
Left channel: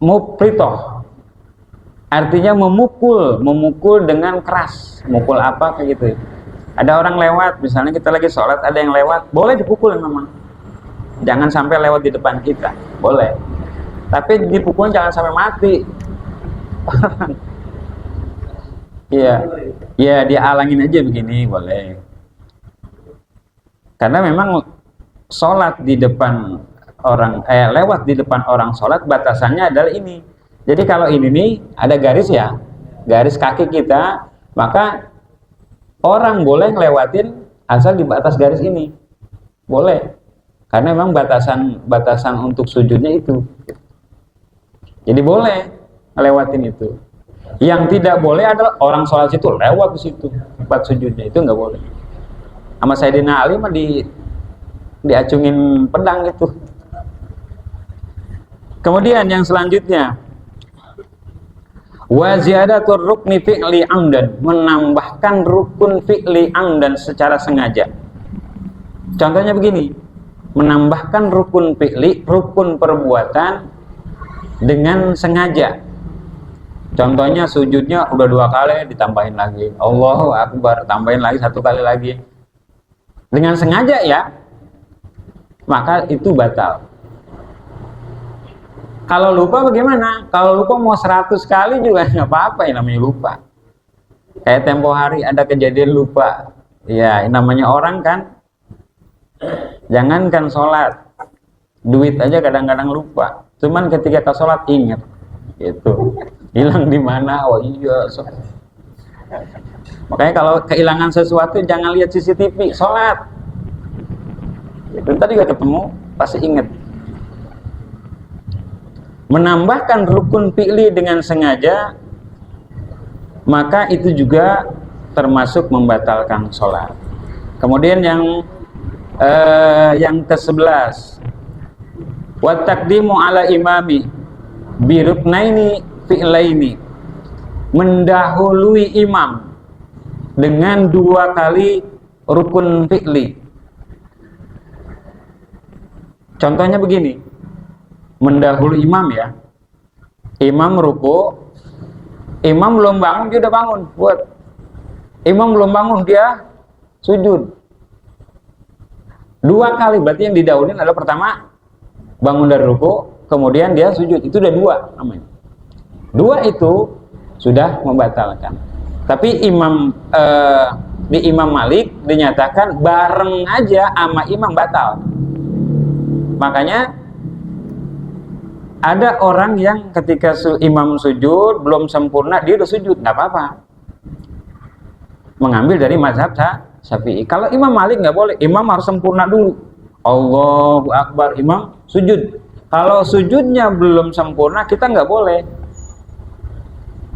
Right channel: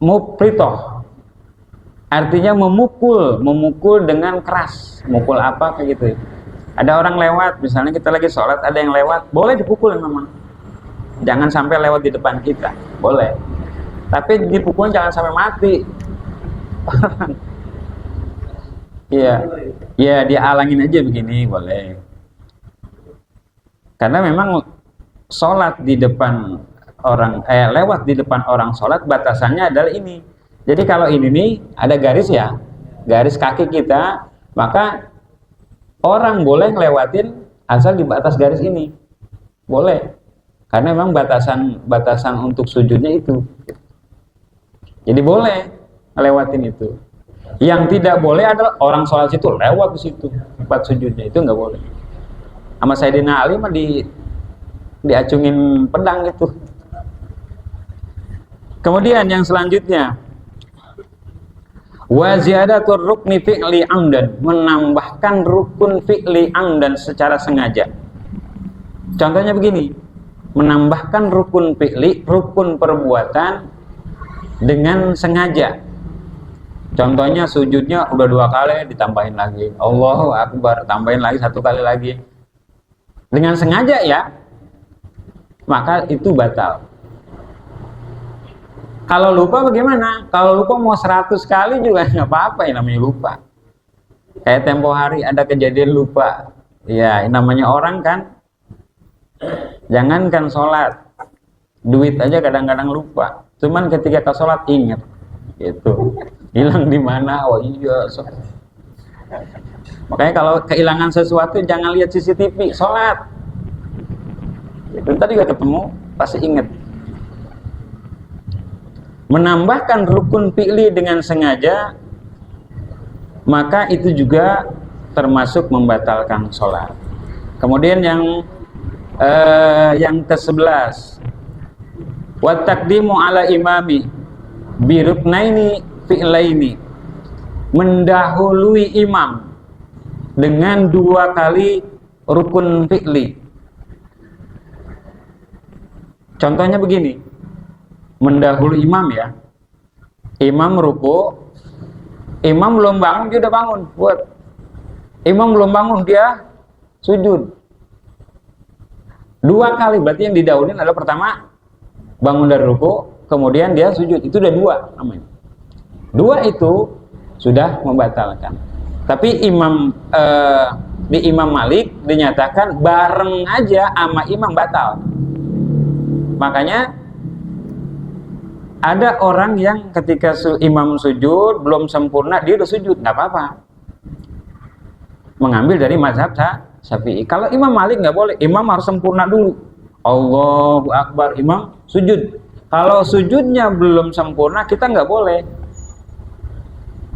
mupritoh, artinya memukul dengan keras. Memukul apa kayak gitu. Ada orang lewat, misalnya kita lagi sholat, ada yang lewat, boleh dipukul memang. Jangan sampai lewat di depan kita, boleh. Tapi dipukul jangan sampai mati. Iya, ya dialangin aja begini boleh. Karena memang sholat di depan orang, lewat di depan orang sholat batasannya adalah ini. Jadi kalau ini nih ada garis ya, garis kaki kita, maka orang boleh ngelewatin asal di atas garis ini, boleh. Karena memang batasan untuk sujudnya itu. Jadi boleh ngelewatin itu. Yang tidak boleh adalah orang sholat situ lewat ke situ tempat sujudnya, itu nggak boleh. Sama Sayyidina Ali mah diacungin pedang itu. Kemudian yang selanjutnya, wa ziyadatur rukni fi'li amdan, menambahkan rukun fi'li amdan secara sengaja. Contohnya begini, menambahkan rukun fi'li, rukun perbuatan dengan sengaja. Contohnya sujudnya udah 2 kali ditambahin lagi, Allahu Akbar, tambahin lagi 1 kali lagi. Dengan sengaja ya, maka itu batal. Kalau lupa bagaimana? Kalau lupa mau 100 kali juga nggak apa-apa, yang namanya lupa. Kayak tempo hari ada kejadian lupa. Ya, namanya orang kan. Jangankan sholat, duit aja kadang-kadang lupa. Cuman ketika ke sholat ingat, gitu. Hilang di mana? Oh iya. Makanya kalau kehilangan sesuatu jangan lihat CCTV, sholat. Itu tadi gak ketemu, pasti ingat. Menambahkan rukun fi'li dengan sengaja, maka itu juga termasuk membatalkan sholat. Kemudian yang ke-11, wa taqdimu ala imami bi ruknaini fi'laini, mendahului imam dengan 2 kali rukun fi'li. Contohnya begini, mendahului imam ya, imam ruku, imam belum bangun dia udah bangun, buat imam belum bangun dia sujud 2 kali, berarti yang didahuluin adalah pertama bangun dari ruku, kemudian dia sujud, itu udah 2 namanya. 2 itu sudah membatalkan. Tapi di Imam Malik dinyatakan bareng aja sama imam batal. Makanya ada orang yang ketika imam sujud belum sempurna dia udah sujud, nggak apa-apa. Mengambil dari mazhab Syafi'i. Kalau Imam Malik nggak boleh, imam harus sempurna dulu. Allahu Akbar, imam sujud. Kalau sujudnya belum sempurna kita nggak boleh.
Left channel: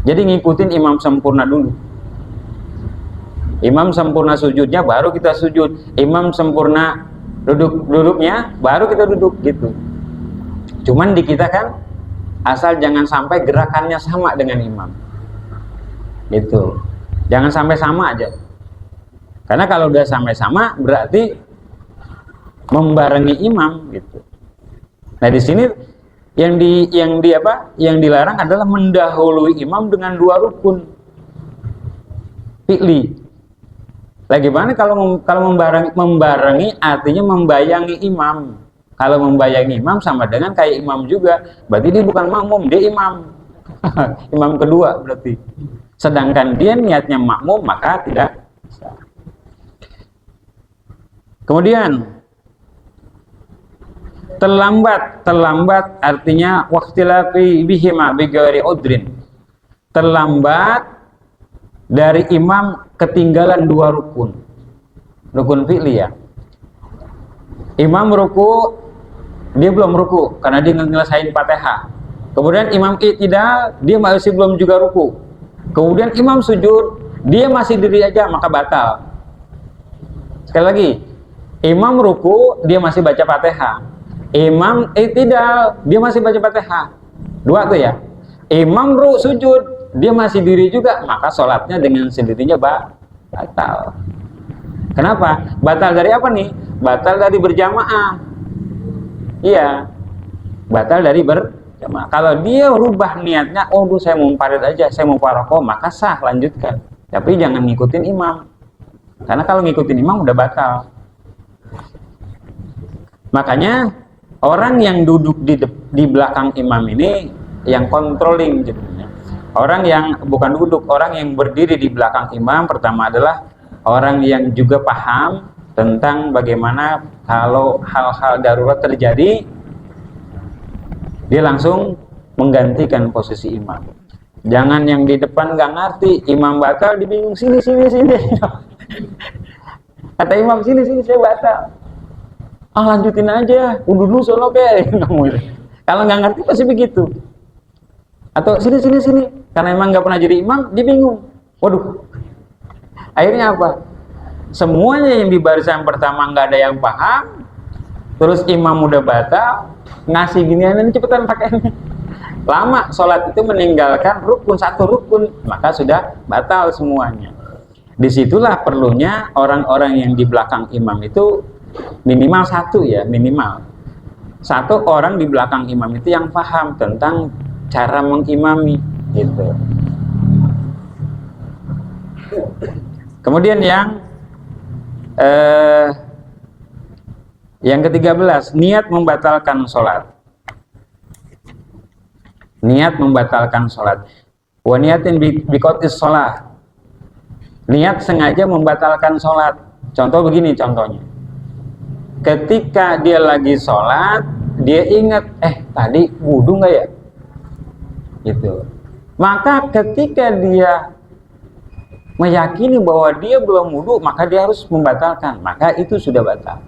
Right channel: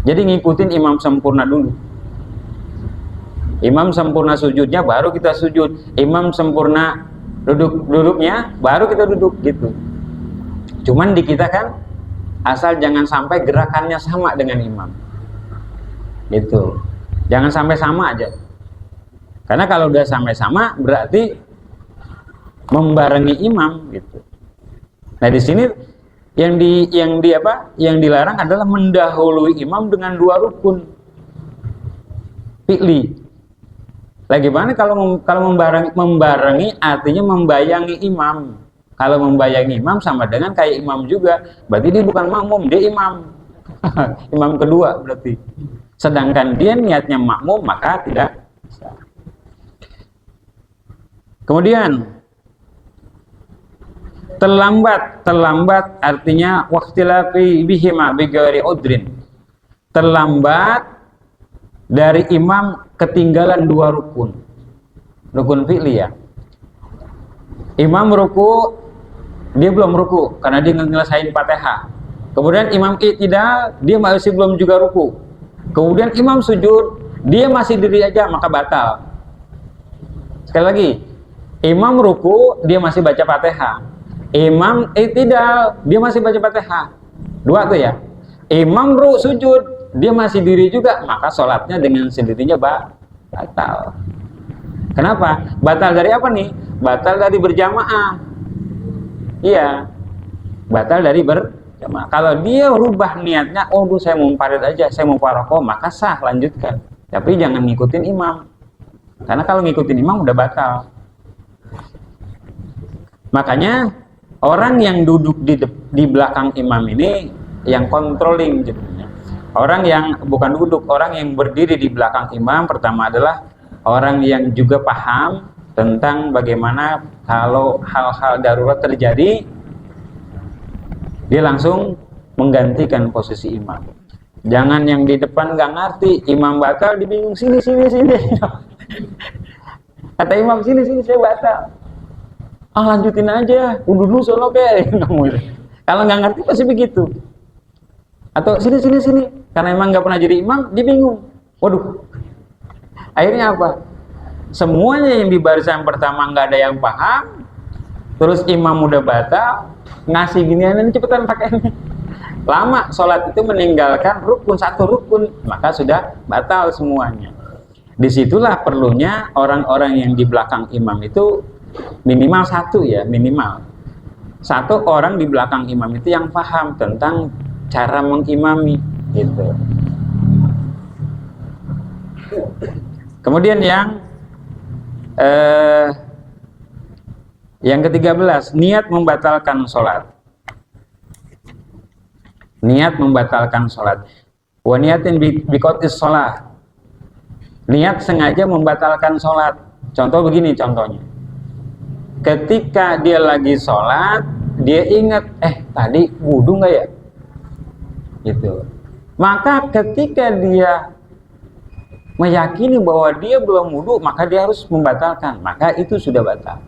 Jadi ngikutin imam sempurna dulu. Imam sempurna sujudnya baru kita sujud. Imam sempurna duduknya baru kita duduk gitu. Cuman di kita kan asal jangan sampai gerakannya sama dengan imam. Gitu. Jangan sampai sama aja. Karena kalau udah sampai sama berarti membarengi imam gitu. Nah, di sini yang dilarang adalah mendahului imam dengan 2 rukun fi'li. Lagi mana kalau membarengi artinya membayangi imam. Kalau membayangi imam sama dengan kayak imam juga, berarti dia bukan makmum, dia imam. Imam kedua berarti. Sedangkan dia niatnya makmum, maka tidak. Kemudian terlambat artinya waqtilafi bihima bighairi udrin. Terlambat dari imam ketinggalan 2 rukun fi'li ya. Imam ruku, dia belum ruku karena dia ngelesain Fatihah. Kemudian imam i'tidal, dia masih belum juga ruku. Kemudian imam sujud, dia masih diri aja maka batal. Sekali lagi, imam ruku dia masih baca Fatihah, imam tidak, dia masih baca Fatihah, dua tuh ya. Imam sujud dia masih diri juga, maka sholatnya dengan sendirinya batal. Kenapa? Batal dari apa nih? Batal dari berjamaah. Iya, batal dari berjamaah. Kalau dia rubah niatnya, oh saya mau munfarid aja, saya mau parokoh, maka sah, lanjutkan. Tapi jangan ngikutin imam. Karena kalau ngikutin imam udah batal. Makanya orang yang duduk di belakang imam ini yang controlling jadinya. Orang yang bukan duduk, orang yang berdiri di belakang imam pertama adalah orang yang juga paham tentang bagaimana kalau hal-hal darurat terjadi, dia langsung menggantikan posisi imam. Jangan yang di depan nggak ngerti, imam batal, dibingung sini. Kata imam sini saya batal. Lanjutin aja, dulu solo kayak kamu itu. Kalau nggak ngerti pasti begitu. Atau sini. Karena emang nggak pernah jadi imam, dia bingung. Waduh. Akhirnya apa? Semuanya yang di barisan pertama nggak ada yang paham. Terus imam udah batal, ngasih ginian ini cepetan pakai ini. Lama sholat itu meninggalkan satu rukun, maka sudah batal semuanya. Disitulah perlunya orang-orang yang di belakang imam itu minimal satu orang di belakang imam itu yang paham tentang cara mengimami gitu. Kemudian yang ke-13, niat membatalkan sholat. Niat membatalkan sholat. Wa niatin biqotis sholat. Niat sengaja membatalkan sholat. Contoh begini contohnya. Ketika dia lagi sholat, dia ingat, tadi wudu nggak ya? Gitu. Maka ketika dia meyakini bahwa dia belum wudu, maka dia harus membatalkan. Maka itu sudah batal.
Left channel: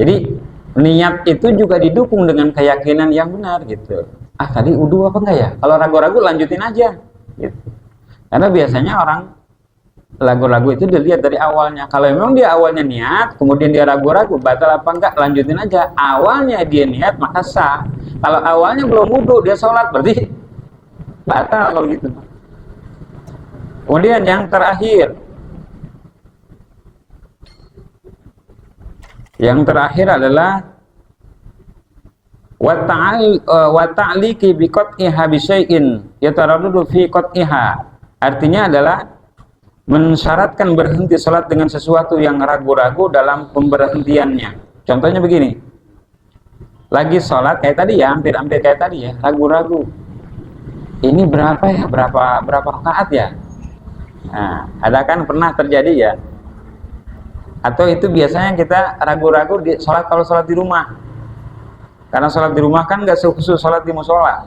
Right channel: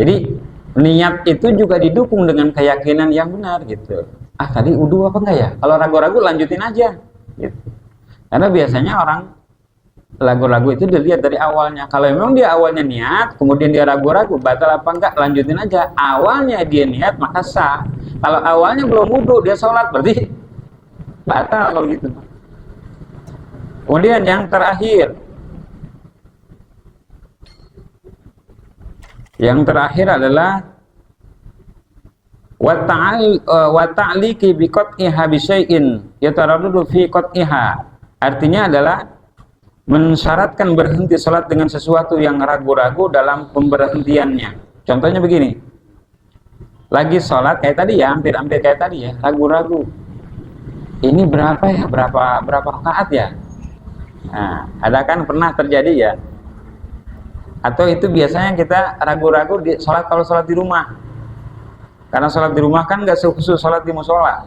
Jadi niat itu juga didukung dengan keyakinan yang benar gitu. Tadi wudu apa enggak ya? Kalau ragu-ragu lanjutin aja gitu. Karena biasanya orang ragu-ragu itu dilihat dari awalnya. Kalau memang dia awalnya niat, kemudian dia ragu-ragu batal apa enggak, lanjutin aja. Awalnya dia niat maka sah. Kalau awalnya belum wudu dia sholat, berarti batal kalau gitu. Kemudian yang terakhir, adalah wa ta'liqi bi qat'iha bi syai'in yataraddu fi qat'iha. Artinya adalah mensyaratkan berhenti sholat dengan sesuatu yang ragu-ragu dalam pemberhentiannya. Contohnya begini, lagi sholat kayak tadi ya, hampir kayak tadi ya, ragu-ragu. Ini berapa ya? Berapa rakaat ya? Nah, ada kan pernah terjadi ya? Atau itu biasanya kita ragu-ragu kalau sholat di rumah. Karena sholat di rumah kan nggak sekhusus sholat di musola.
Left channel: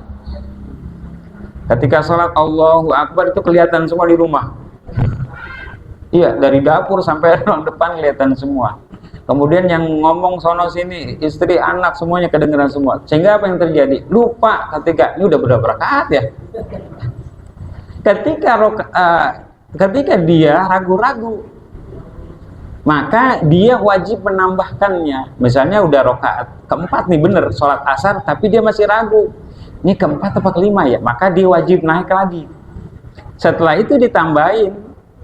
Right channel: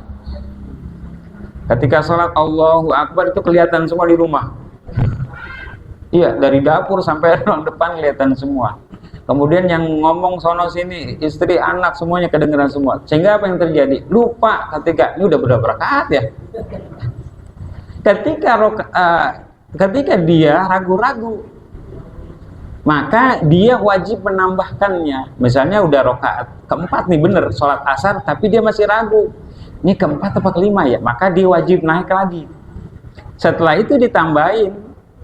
Ketika sholat Allahu Akbar itu kelihatan semua di rumah. Iya, dari dapur sampai ruang depan kelihatan semua. Kemudian yang ngomong sono sini, istri, anak semuanya kedengeran semua. Sehingga apa yang terjadi? Lupa ketika ini udah berapa rakaat ya. Ketika dia ragu-ragu, maka dia wajib menambahkannya. Misalnya udah rakaat keempat nih bener sholat asar, tapi dia masih ragu. Ini keempat atau kelima ya, maka dia wajib naik lagi. Setelah itu ditambahin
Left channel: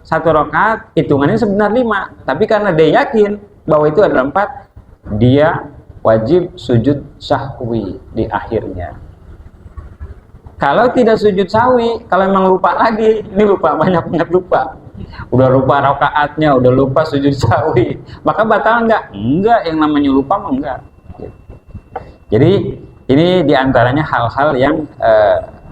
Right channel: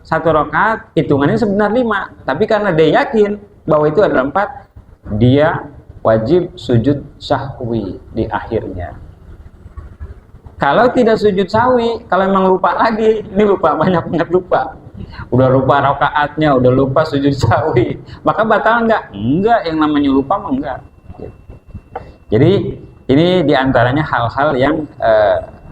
satu rakaat, hitungannya sebenarnya 5. Tapi karena dia yakin bahwa itu adalah 4, dia wajib sujud sahwi di akhirnya. Kalau tidak sujud sahwi, kalau memang lupa lagi, ini lupa banyak lupa. Udah lupa rakaatnya, udah lupa sujud sahwi, maka batal enggak? Enggak, yang namanya lupa mah enggak. Jadi ini diantaranya hal-hal yang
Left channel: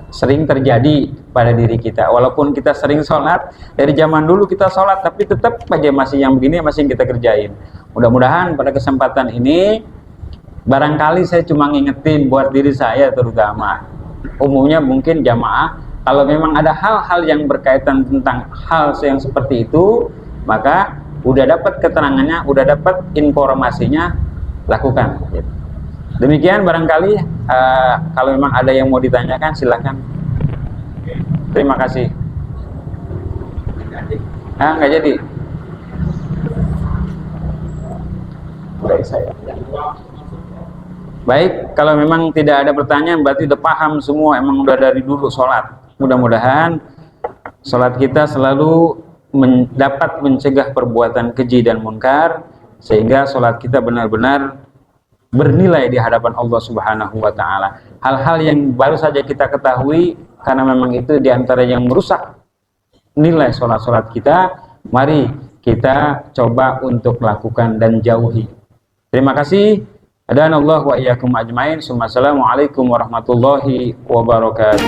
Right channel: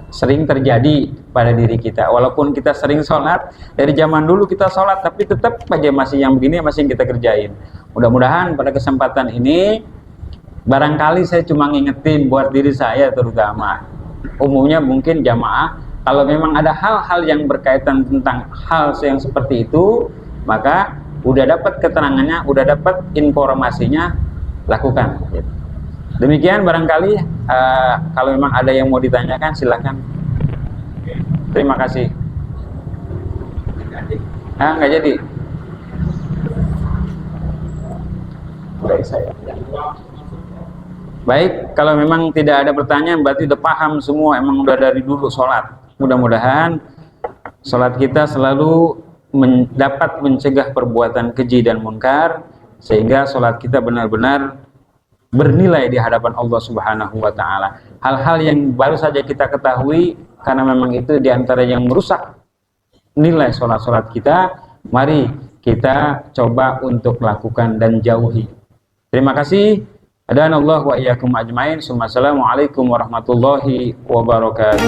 sering terjadi pada diri kita. Walaupun kita sering sholat, dari zaman dulu kita sholat, tapi tetap aja masih yang begini masih kita kerjain. Mudah-mudahan pada kesempatan ini, barangkali saya cuma ngingetin buat diri saya terutama. Umumnya mungkin jamaah, kalau memang ada hal-hal yang berkaitan tentang hal yang seperti itu, maka udah dapat keterangannya, udah dapat informasinya, lakukan. Demikian barangkali kalau memang ada yang mau ditanyakan silakan. Terima kasih. Nggak jadi. Baik, kalau memang tidak ada pertanyaan berarti udah paham semua, emang udah dari dulu sholat. Mudah-mudahan sholat kita selalu dapat mencegah perbuatan keji dan munkar, sehingga sholat kita benar-benar bernilai di hadapan Allah Subhanahu wa Ta'ala. Hal-hal yang baru saja kita ketahui, karena memang itu diantara yang merusak nilai sholat-sholat kita, mari kita coba untuk melakukan dan jauhi. Terima kasih. Adanallahu wa iyyakum ajmain. Assalamualaikum warahmatullahi wabarakatuh.